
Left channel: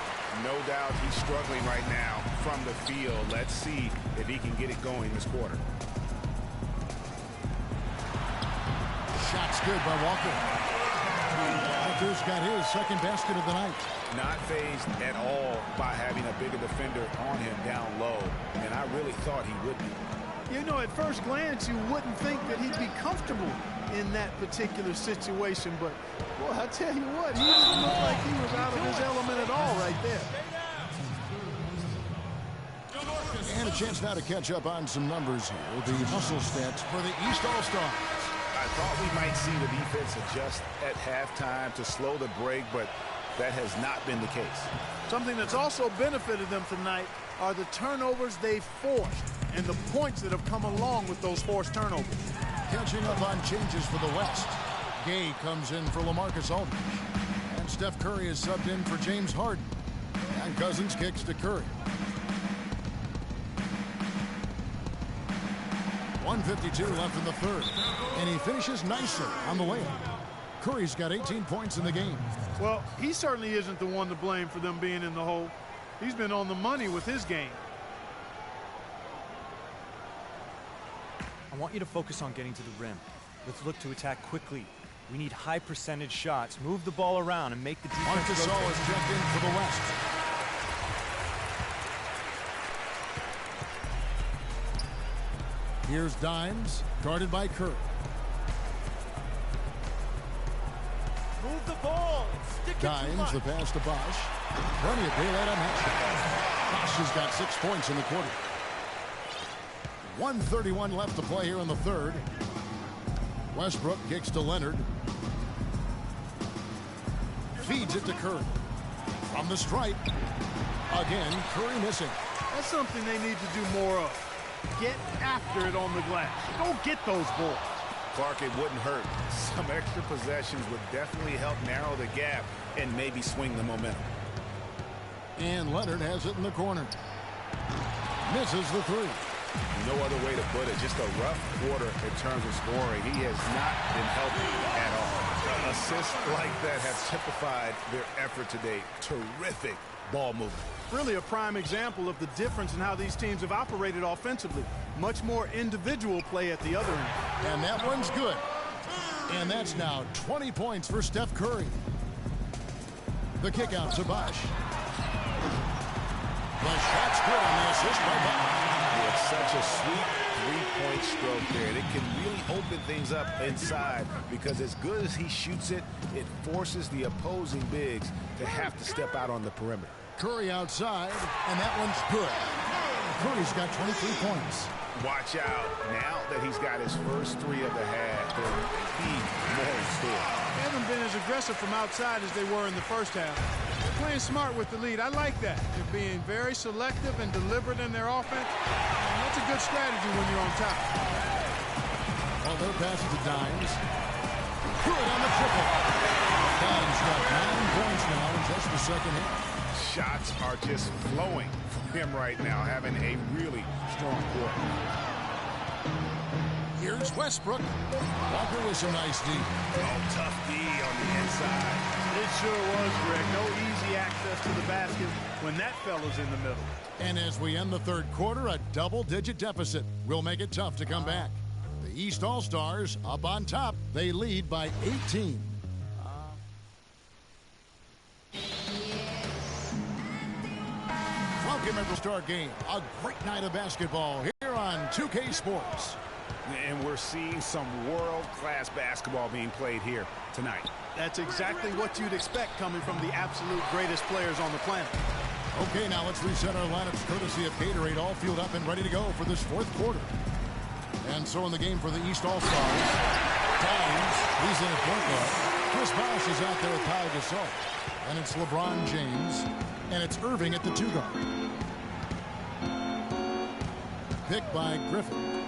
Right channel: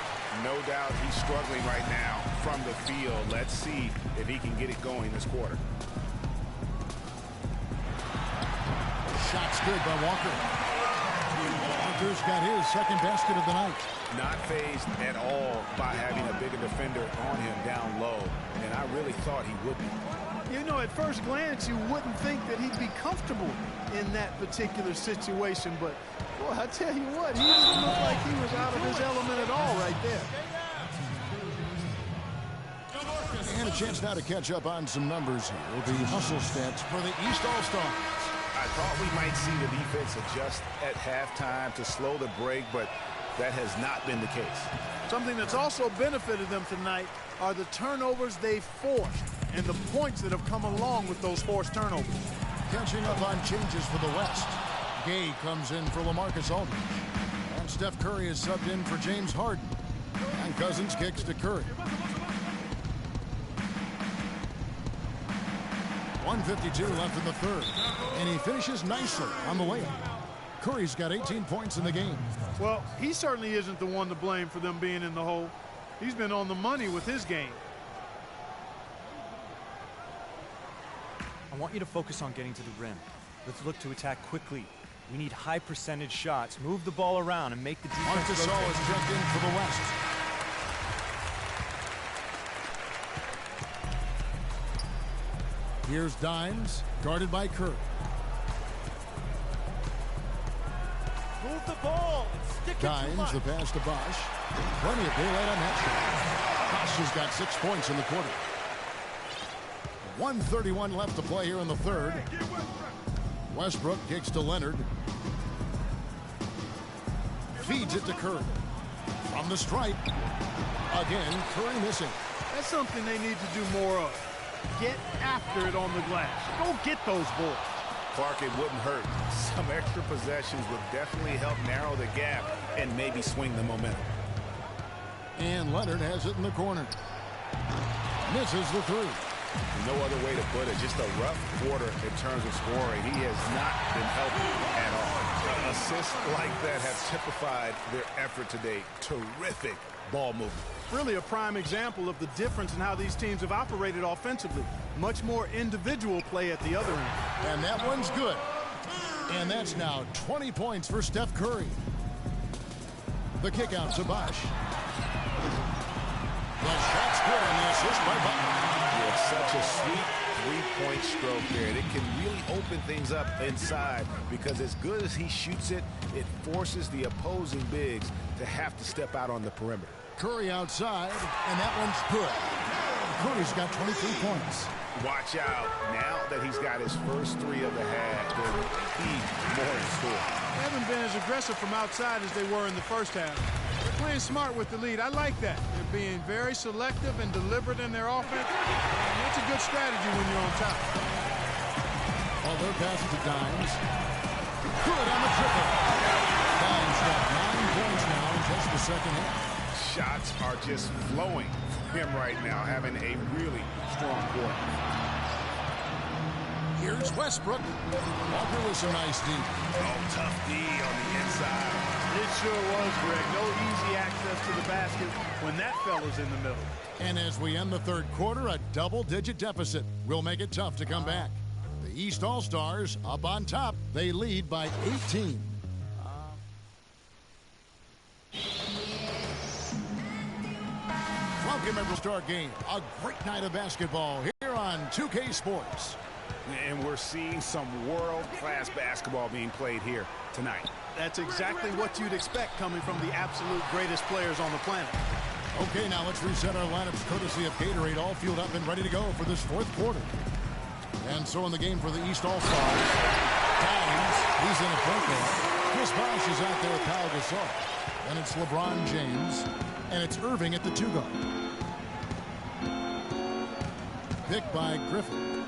No doubt he's struggling right now from the field. Let's see if he can get it going this quarter. Shot's good by Walker. Walker's got his second basket of the night. Not fazed at all by having a bigger defender on him down low, and I really thought he would be. You know, at first glance, you wouldn't think that he'd be comfortable in that particular situation, but boy, I tell you what, he didn't look like he was out of his element at all right there. And a chance now to catch up on some numbers here. The hustle stats for the East All-Stars. I thought we might see the defense adjust at halftime to slow the break, but that has not been the case. Something that's also benefited them tonight are the turnovers they've forced and the points that have come along with those forced turnovers. Catching up on changes for the West. Gay comes in for LaMarcus Aldridge. And Steph Curry is subbed in for James Harden. And Cousins kicks to Curry. 1:52 left in the third. And he finishes nicely on the layup. Curry's got 18 points in the game. Well, he certainly isn't the one to blame for them being in the hole. He's been on the money with his game. I want you to focus on getting to the rim. Let's look to attack quickly. We need high percentage shots. Move the ball around and make the defense Marcus rotate. is checked in for the West. Here's Dimes, guarded by Curry. Move the ball and stick it to Dimes, the pass to Bosch. Plenty of daylight on that shot. Bosch has got 6 points in the quarter. 1:31 left to play here in the third. Westbrook kicks to Leonard. Feeds it to Curry. From the stripe. Again, Curry missing. That's something they need to do more of. Get after it on the glass. Go get those boards. Clark, it wouldn't hurt. Some extra possessions would definitely help narrow the gap and maybe swing the momentum. And Leonard has it in the corner. Misses the three. No other way to put it. Just a rough quarter in terms of scoring. He has not been helping at all. Assists like that have typified their effort today. Terrific ball movement. Really a prime example of the difference in how these teams have operated offensively. Much more individual play at the other end. And that one's good. And that's now 20 points for Steph Curry. The kick out to Bosch. The shot's good on the assist by Butler. It's such a sweet three-point stroke there. It can really open things up inside because as good as he shoots it, it forces the opposing bigs to have to step out on the perimeter. Curry outside, and that one's good. Curry's got 23 points. Watch out. Now that he's got his first three of the half, there might be more in store. They haven't been as aggressive from outside as they were in the first half. They're playing smart with the lead. I like that. They're being very selective and deliberate in their offense. And that's a good strategy when you're on top. Well, their pass to Dimes. Good on the triple. Dimes got 9 points now in just the second half. Shots are just flowing for him right now, having a really strong quarter. Here's Westbrook. Walker with some nice D. Oh, tough D on the inside. It sure was, Greg. No easy access to the basket when that fella's in the middle. And as we end the third quarter, a double-digit deficit will make it tough to come back. The East All-Stars up on top. They lead by 18. Welcome, every Star game. A great night of basketball here on 2K Sports. And we're seeing some world-class basketball being played here tonight. That's exactly what you'd expect coming from the absolute greatest players on the planet. Okay, now let's reset our lineups courtesy of Gatorade, all fueled up and ready to go for this fourth quarter. And so in the game for the East All-Stars, Dimes, he's in at point guard. Chris Bosh is out there with Kyle Gasol. Then it's LeBron James, and it's Irving at the 2-guard. Picked by Griffin.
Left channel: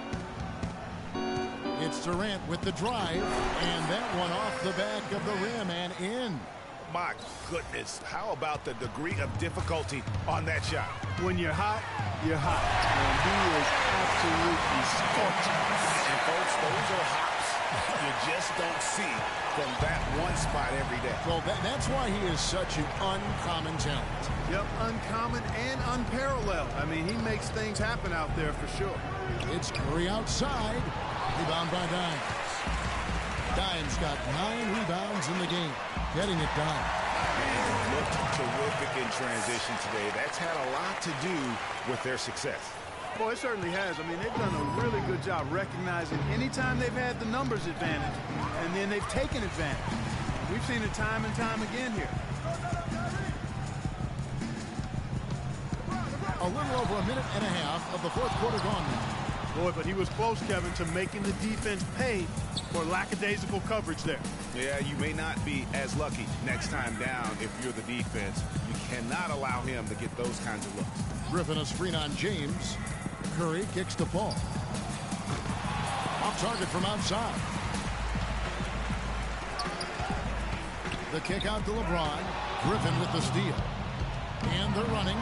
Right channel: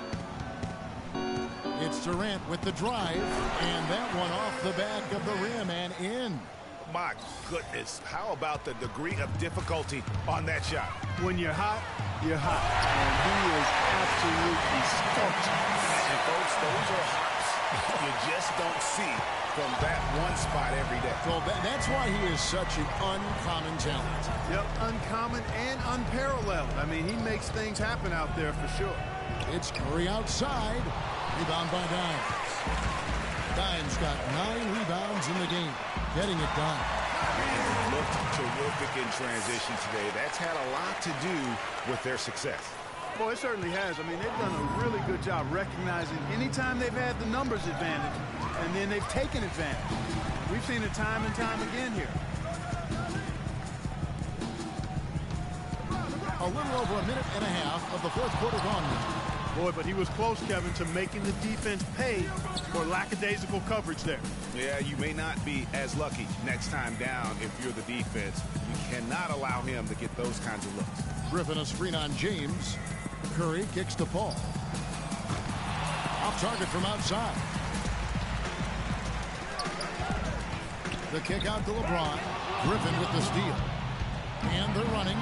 It's Durant with the drive, and that one off the back of the rim and in. My goodness, how about the degree of difficulty on that shot? When you're hot, you're hot. And he is absolutely scorching. And folks, those are hops you just don't see from that one spot every day. Well, that's why he is such an uncommon talent. Yep, uncommon and unparalleled. I mean, he makes things happen out there for sure. It's Curry outside. Rebound by Dimes. Dimes got 9 rebounds in the game. Getting it done. Man, looked terrific in transition today. That's had a lot to do with their success. Well, it certainly has. I mean, they've done a really good job recognizing anytime they've had the numbers advantage, and then they've taken advantage. We've seen it time and time again here. A little over a minute and a half of the fourth quarter gone now. Boy, but he was close, Kevin, to making the defense pay for lackadaisical coverage there. Yeah, you may not be as lucky next time down if you're the defense. You cannot allow him to get those kinds of looks. Griffin a screen on James. Curry kicks to Paul. Off target from outside. The kick out to LeBron. Griffin with the steal. And they're running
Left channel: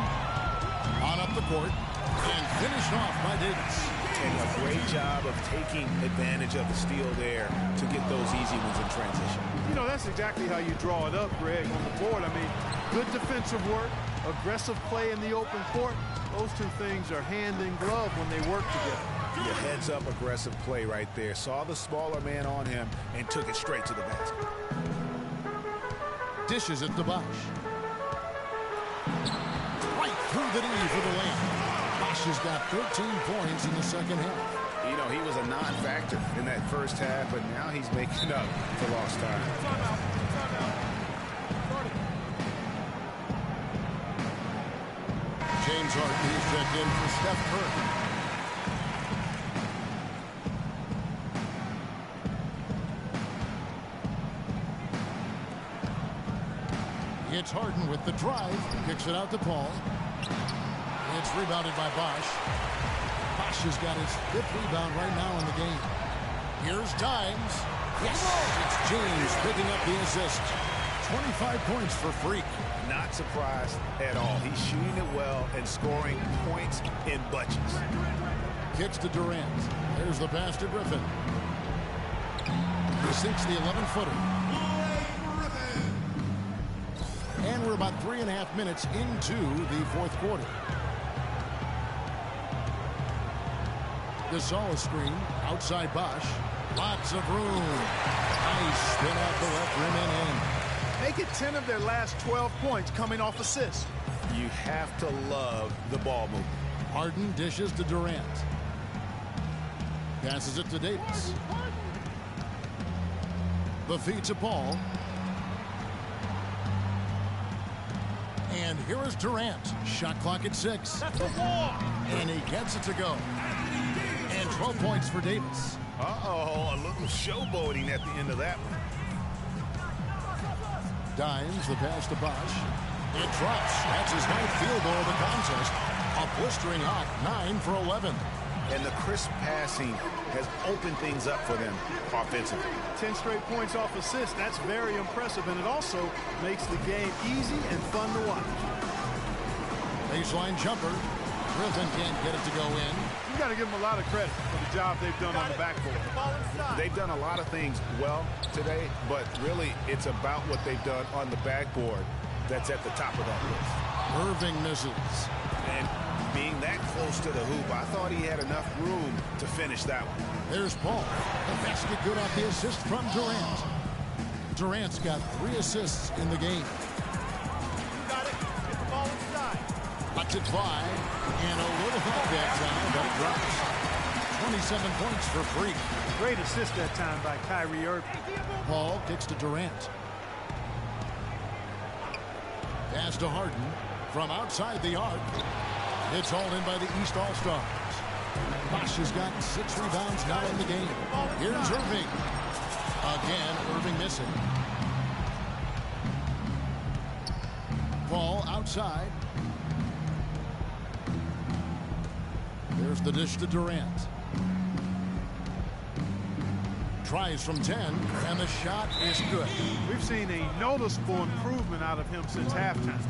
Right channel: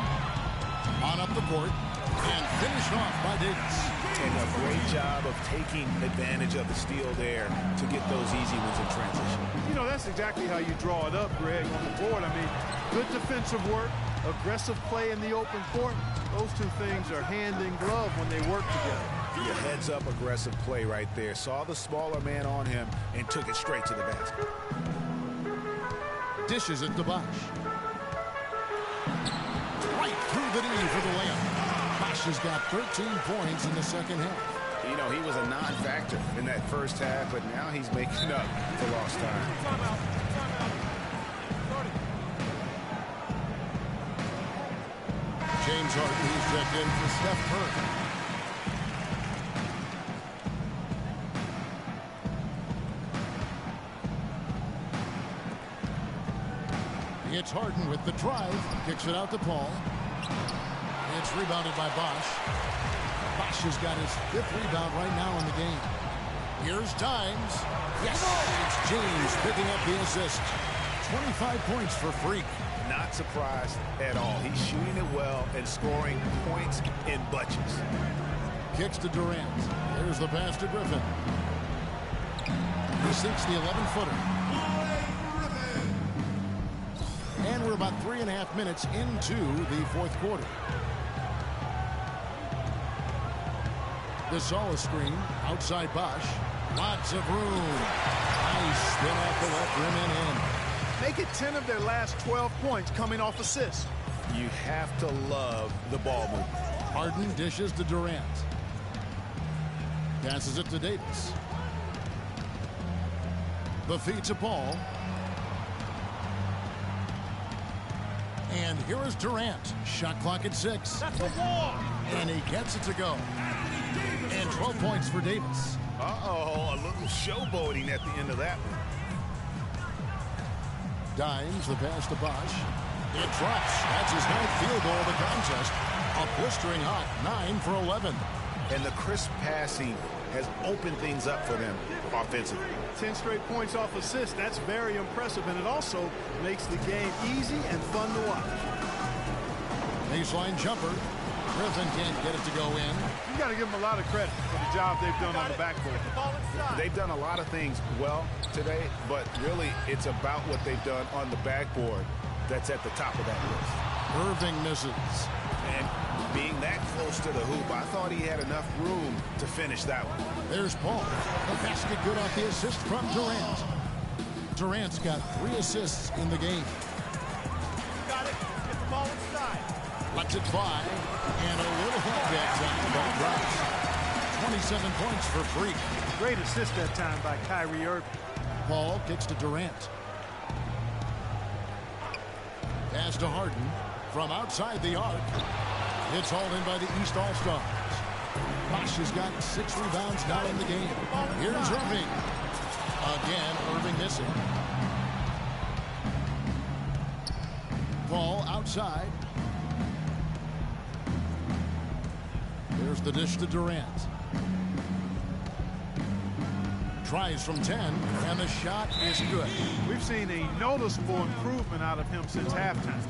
on up the court. And finished off by Davis. And a great job of taking advantage of the steal there to get those easy ones in transition. You know, that's exactly how you draw it up, Greg, on the board. I mean, good defensive work, aggressive play in the open court. Those two things are hand in glove when they work together. Your heads-up aggressive play right there. Saw the smaller man on him and took it straight to the basket. Dishes it to Bosh. Right through the knee for the layup. Bosh has got 13 points in the second half. You know, he was a non-factor in that first half, but now he's making up for lost time. Timeout. James Harden, he's checked in for Steph Curry. It's Harden with the drive. Kicks it out to Paul. It's rebounded by Bosh. Bosh has got his 5th rebound right now in the game. Here's Dimes. Yes, it's James picking up the assist. 25 points for Freak. Not surprised at all. He's shooting it well and scoring points in bunches. Kicks to Durant. There's the pass to Griffin. He sinks the 11-footer. And we're about 3.5 minutes into the fourth quarter. Gasol screen. Outside Bosh. Lots of room. Nice spin off the left rim and in. Make it 10 of their last 12 points coming off assists. You have to love the ball movement. Harden dishes to Durant. Passes it to Davis. The feed to Paul. And here is Durant. Shot clock at 6. That's a wall. And he gets it to go. And 12 points for Davis. Uh-oh, a little showboating at the end of that one. Dimes, the pass to Bosh. It drops. That's his 9th field goal of the contest. A blistering hot 9 for 11. And the crisp passing has opened things up for them offensively. 10 straight points off assists. That's very impressive, and it also makes the game easy and fun to watch. Baseline jumper. Griffin can't get it to go in. You got to give him a lot of credit for the job they've done on the backboard. They've done a lot of things well today, but really it's about what they've done on the backboard that's at the top of that list. Irving misses. And being that close to the hoop, I thought he had enough room to finish that one. There's Paul. The basket good off the assist from Durant. Durant's got 3 assists in the game. You got it. Get the ball inside. Lets it fly. And a little up that time, but it drops. 27 points for Freak. Great assist that time by Kyrie Irving. Paul kicks to Durant. Pass to Harden. From outside the arc. It's hauled in by the East All-Stars. Bosch has got 6 rebounds now in the game. Here's Irving. Again, Irving missing. Paul outside. There's the dish to Durant. Tries from 10, and the shot is good. We've seen a noticeable improvement out of him since halftime.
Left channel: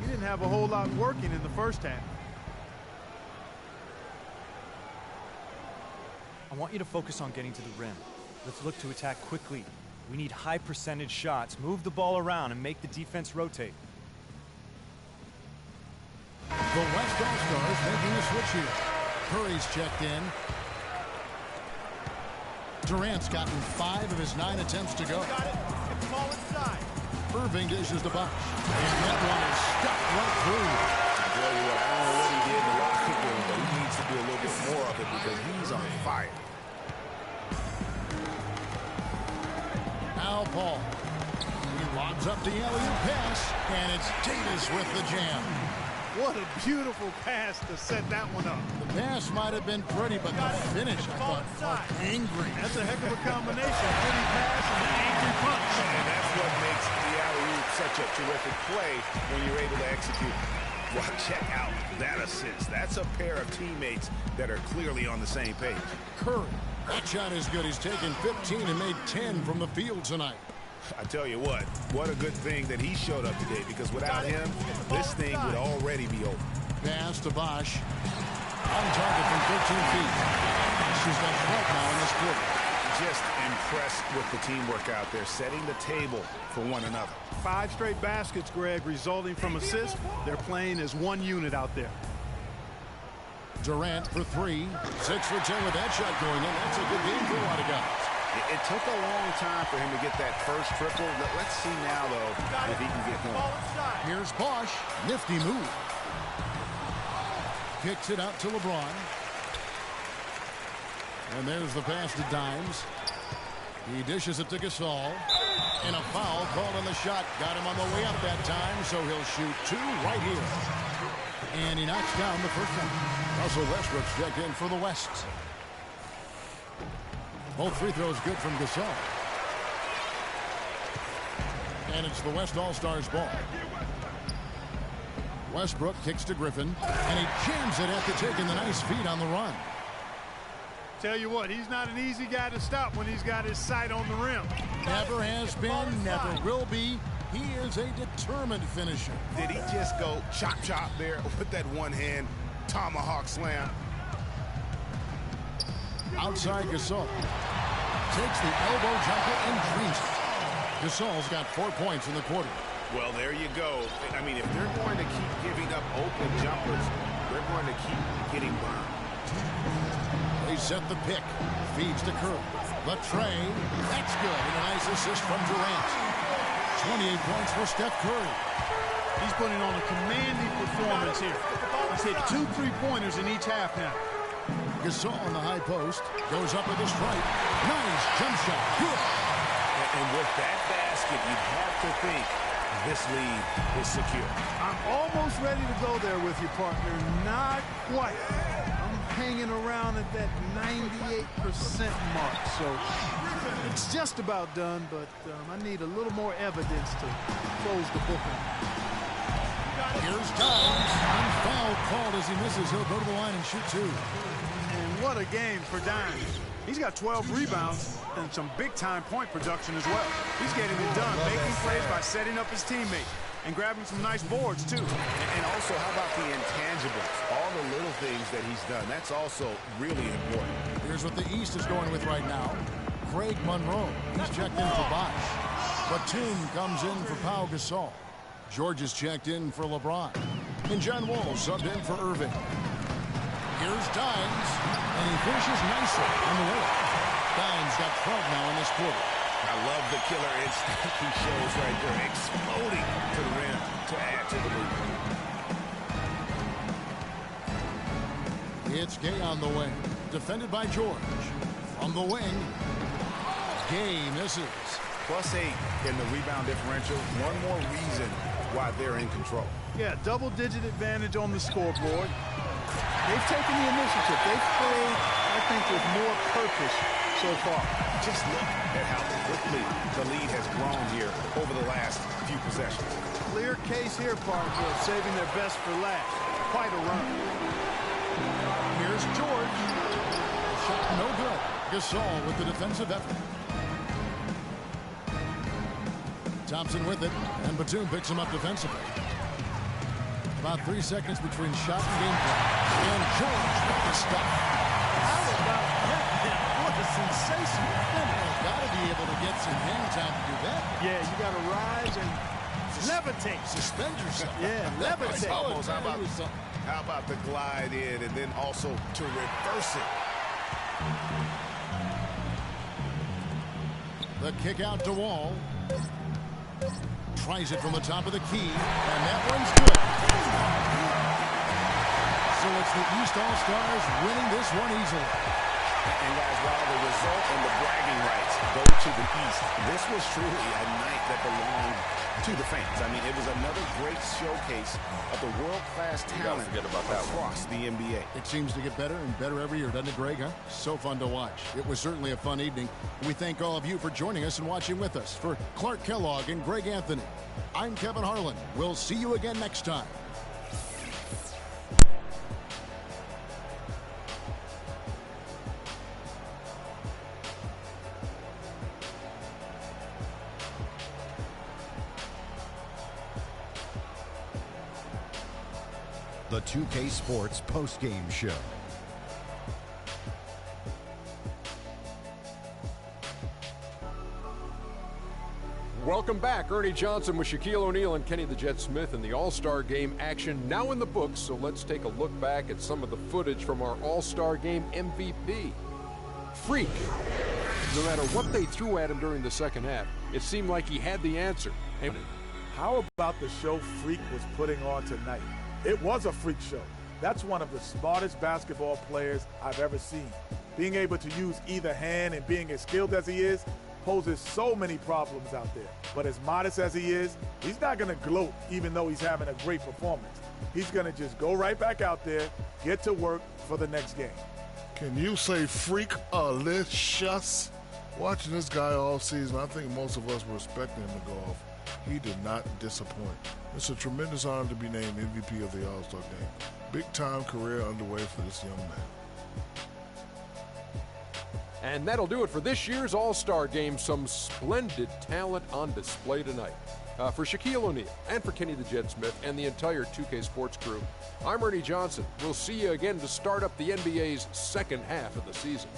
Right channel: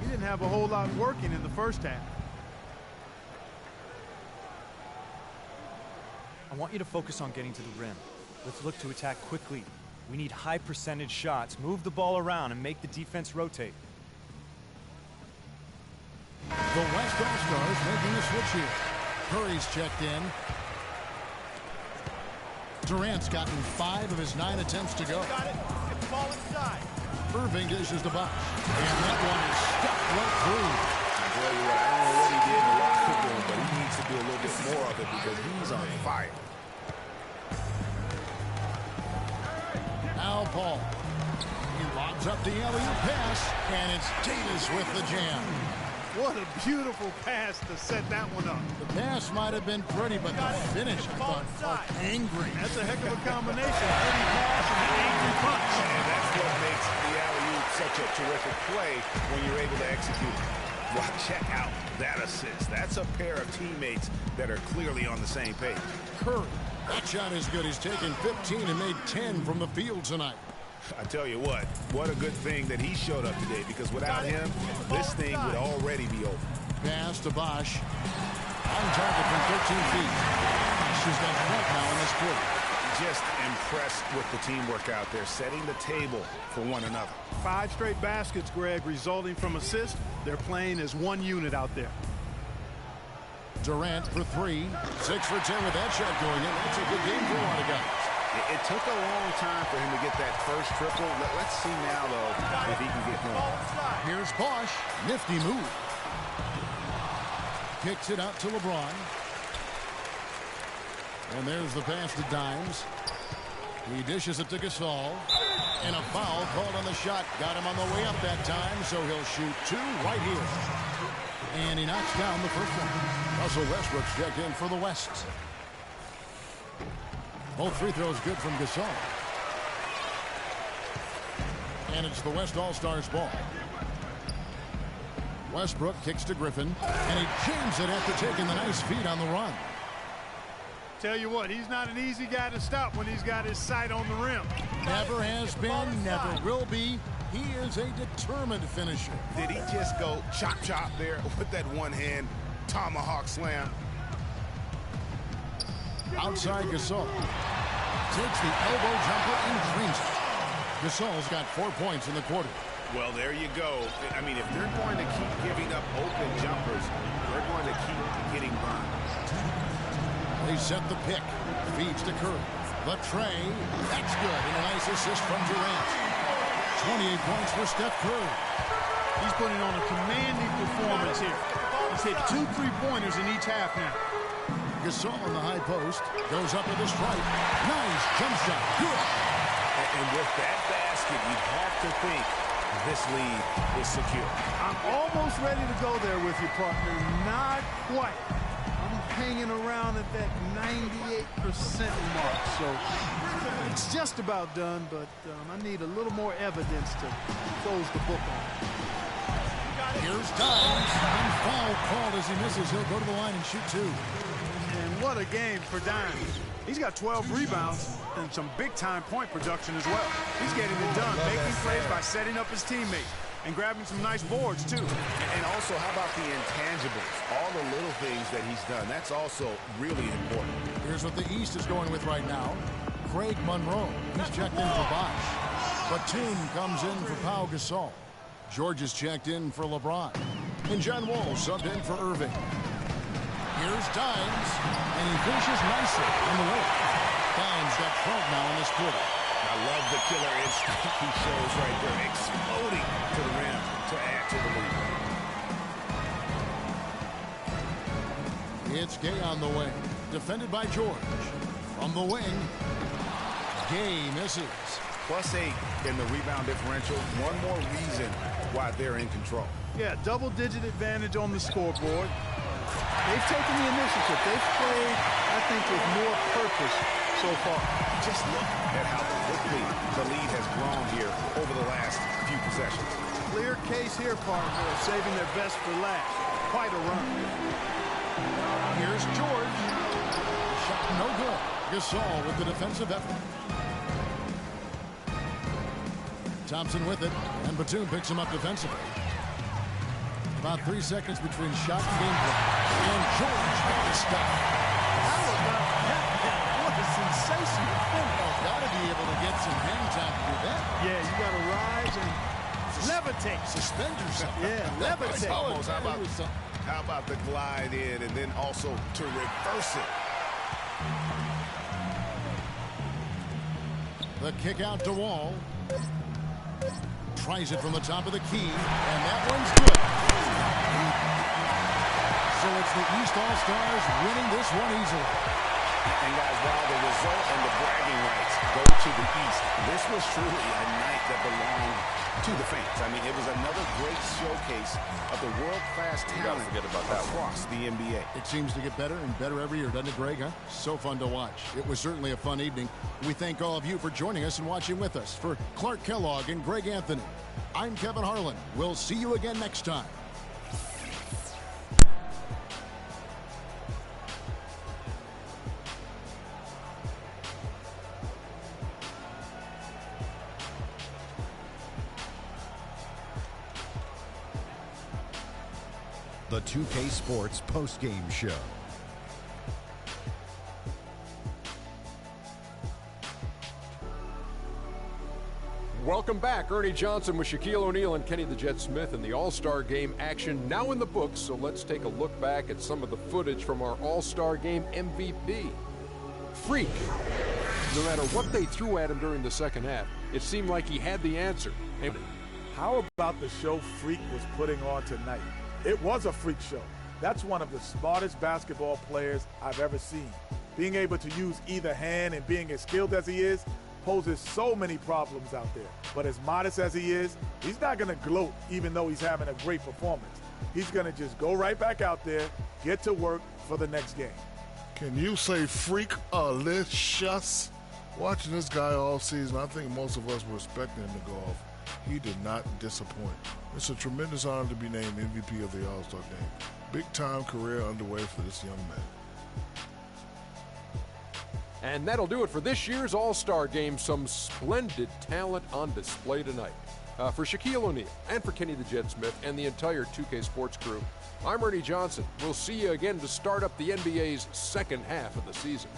He didn't have a whole lot working in the first half. I want you to focus on getting to the rim. Let's look to attack quickly. We need high percentage shots. Move the ball around and make the defense rotate. The West All-Stars making a switch here. Curry's checked in. Durant's gotten 5 of his 9 attempts to go. Got it. Get the ball inside. Irving dishes to Bosch. And that one is stuck right through. I tell you what, I don't know what he did in the locker room, but he needs to do a little bit more of it because he's on fire. Now Paul. He lobs up the alley-oop pass, and it's Davis with the jam. What a beautiful pass to set that one up. The pass might have been pretty, but the finish, I thought, felt angry. That's a heck of a combination. Pretty pass and an angry punch. And that's what makes the alley-oop such a terrific play when you're able to execute. Well, check out that assist. That's a pair of teammates that are clearly on the same page. Curry, that shot is good. He's taken 15 and made 10 from the field tonight. I tell you what a good thing that he showed up today, because without him, this thing would already be over. Pass to Bosch. On target from 13 feet. Bosch has got 12 now in this quarter. Just impressed with the teamwork out there, setting the table for one another. 5 straight baskets, Greg, resulting from assists. They're playing as one unit out there. Durant for 3. 6 for 10 with that shot going in. That's a good game for a lot of guys. It took a long time for him to get that first triple. Let's see now, though, if he can get going. Here's Bosch. Nifty move. Kicks it out to LeBron. And there's the pass to Dimes. He dishes it to Gasol. And a foul called on the shot. Got him on the way up that time, so he'll shoot 2 right here. And he knocks down the first one. Russell Westbrook's checked in for the West. Both free throws good from Gasol. And it's the West All-Stars ball. Westbrook kicks to Griffin, and he jams it after taking the nice feed on the run. Tell you what, he's not an easy guy to stop when he's got his sight on the rim. Never has been, never will be. He is a determined finisher. Did he just go chop there with that one-hand tomahawk slam? Outside Gasol. Takes the elbow jumper and drains it. Gasol's got 4 points in the quarter. Well, there you go. I mean, if they're going to keep giving up open jumpers, they're going to keep getting burned. They set the pick. Feeds to Curry. The tray. That's good. And a nice assist from Durant. 28 points for Steph Curry. He's putting on a commanding performance here. He's hit 2 3-pointers in each half now. Gasol on the high post. Goes up with a stripe. Nice jump shot. Good. And with that basket, you'd have to think this lead is secure. I'm almost ready to go there with you, partner. Not quite. I'm hanging around at that 98% mark. So it's just about done, but I need a little more evidence to close the book on. Here's Dimes. And foul called as he misses. He'll go to the line and shoot 2. And what a game for Dimes. He's got 12 rebounds and some big-time point production as well. He's getting it done, making plays by setting up his teammates. and grabbing some nice boards, too. And also, how about the intangibles? All the little things that he's done. That's also really important. Here's what the East is going with right now. Craig Monroe, he's checked in for Bosch. Batum comes in for Pau Gasol. George is checked in for LeBron. And John Wall subbed in for Irving. Here's Dimes, and he finishes nicely on the way. Dimes got 12 now in this quarter. I love the killer instinct he shows right there, exploding to the rim to add to the lead. It's Gay on the wing, defended by George. From the wing, Gay misses. +8 in the rebound differential. One more reason why they're in control. Yeah, double-digit advantage on the scoreboard. They've taken the initiative. They've played, I think, with more purpose so far. Just look at how quickly the lead has grown here over the last few possessions. Clear case here, partner, of saving their best for last. Quite a run. Here's George. The shot no good. Gasol with the defensive effort. Thompson with it, and Batum picks him up defensively. About 3 seconds between shot and gameplay. And George with the stop. How about that, man? What a sensational finish. Well, got to be able to get some hang time to do that. Yeah, you got to rise and levitate. Suspend yourself. Yeah, levitate. Almost. How about the glide in and then also to reverse it? The kick out to Wall. Tries it from the top of the key, and that one's good. So it's the East All-Stars winning this one easily. And guys, while the result and the bragging rights go to the East, this was truly a night that belonged to the fans. I mean, it was another great showcase of the world-class talent across the NBA. It seems to get better and better every year, doesn't it, Greg? Huh? So fun to watch. It was certainly a fun evening. We thank all of you for joining us and watching with us. For Clark Kellogg and Greg Anthony, I'm Kevin Harlan. We'll see you again next time. The 2K Sports postgame show. Welcome back. Ernie Johnson with Shaquille O'Neal and Kenny the Jet Smith in the All-Star Game action now in the books. So let's take a look back at some of the footage from our All-Star Game MVP. Freak. No matter what they threw at him during the second half, it seemed like he had the answer. And How about the show Freak was putting on tonight? It was a freak show. That's one of the smartest basketball players I've ever seen. Being able to use either hand and being as skilled as he is poses so many problems out there. But as modest as he is, he's not going to gloat even though he's having a great performance. He's going to just go right back out there, get to work for the next game. Can you say freak-alicious? Watching this guy all season, I think most of us were expecting him to go off. He did not disappoint. It's a tremendous honor to be named MVP of the All-Star Game. Big-time career underway for this young man. And that'll do it for this year's All-Star Game. Some splendid talent on display tonight. For Shaquille O'Neal and for Kenny the Jet Smith and the entire 2K Sports crew, I'm Ernie Johnson. We'll see you again to start up the NBA's second half of the season.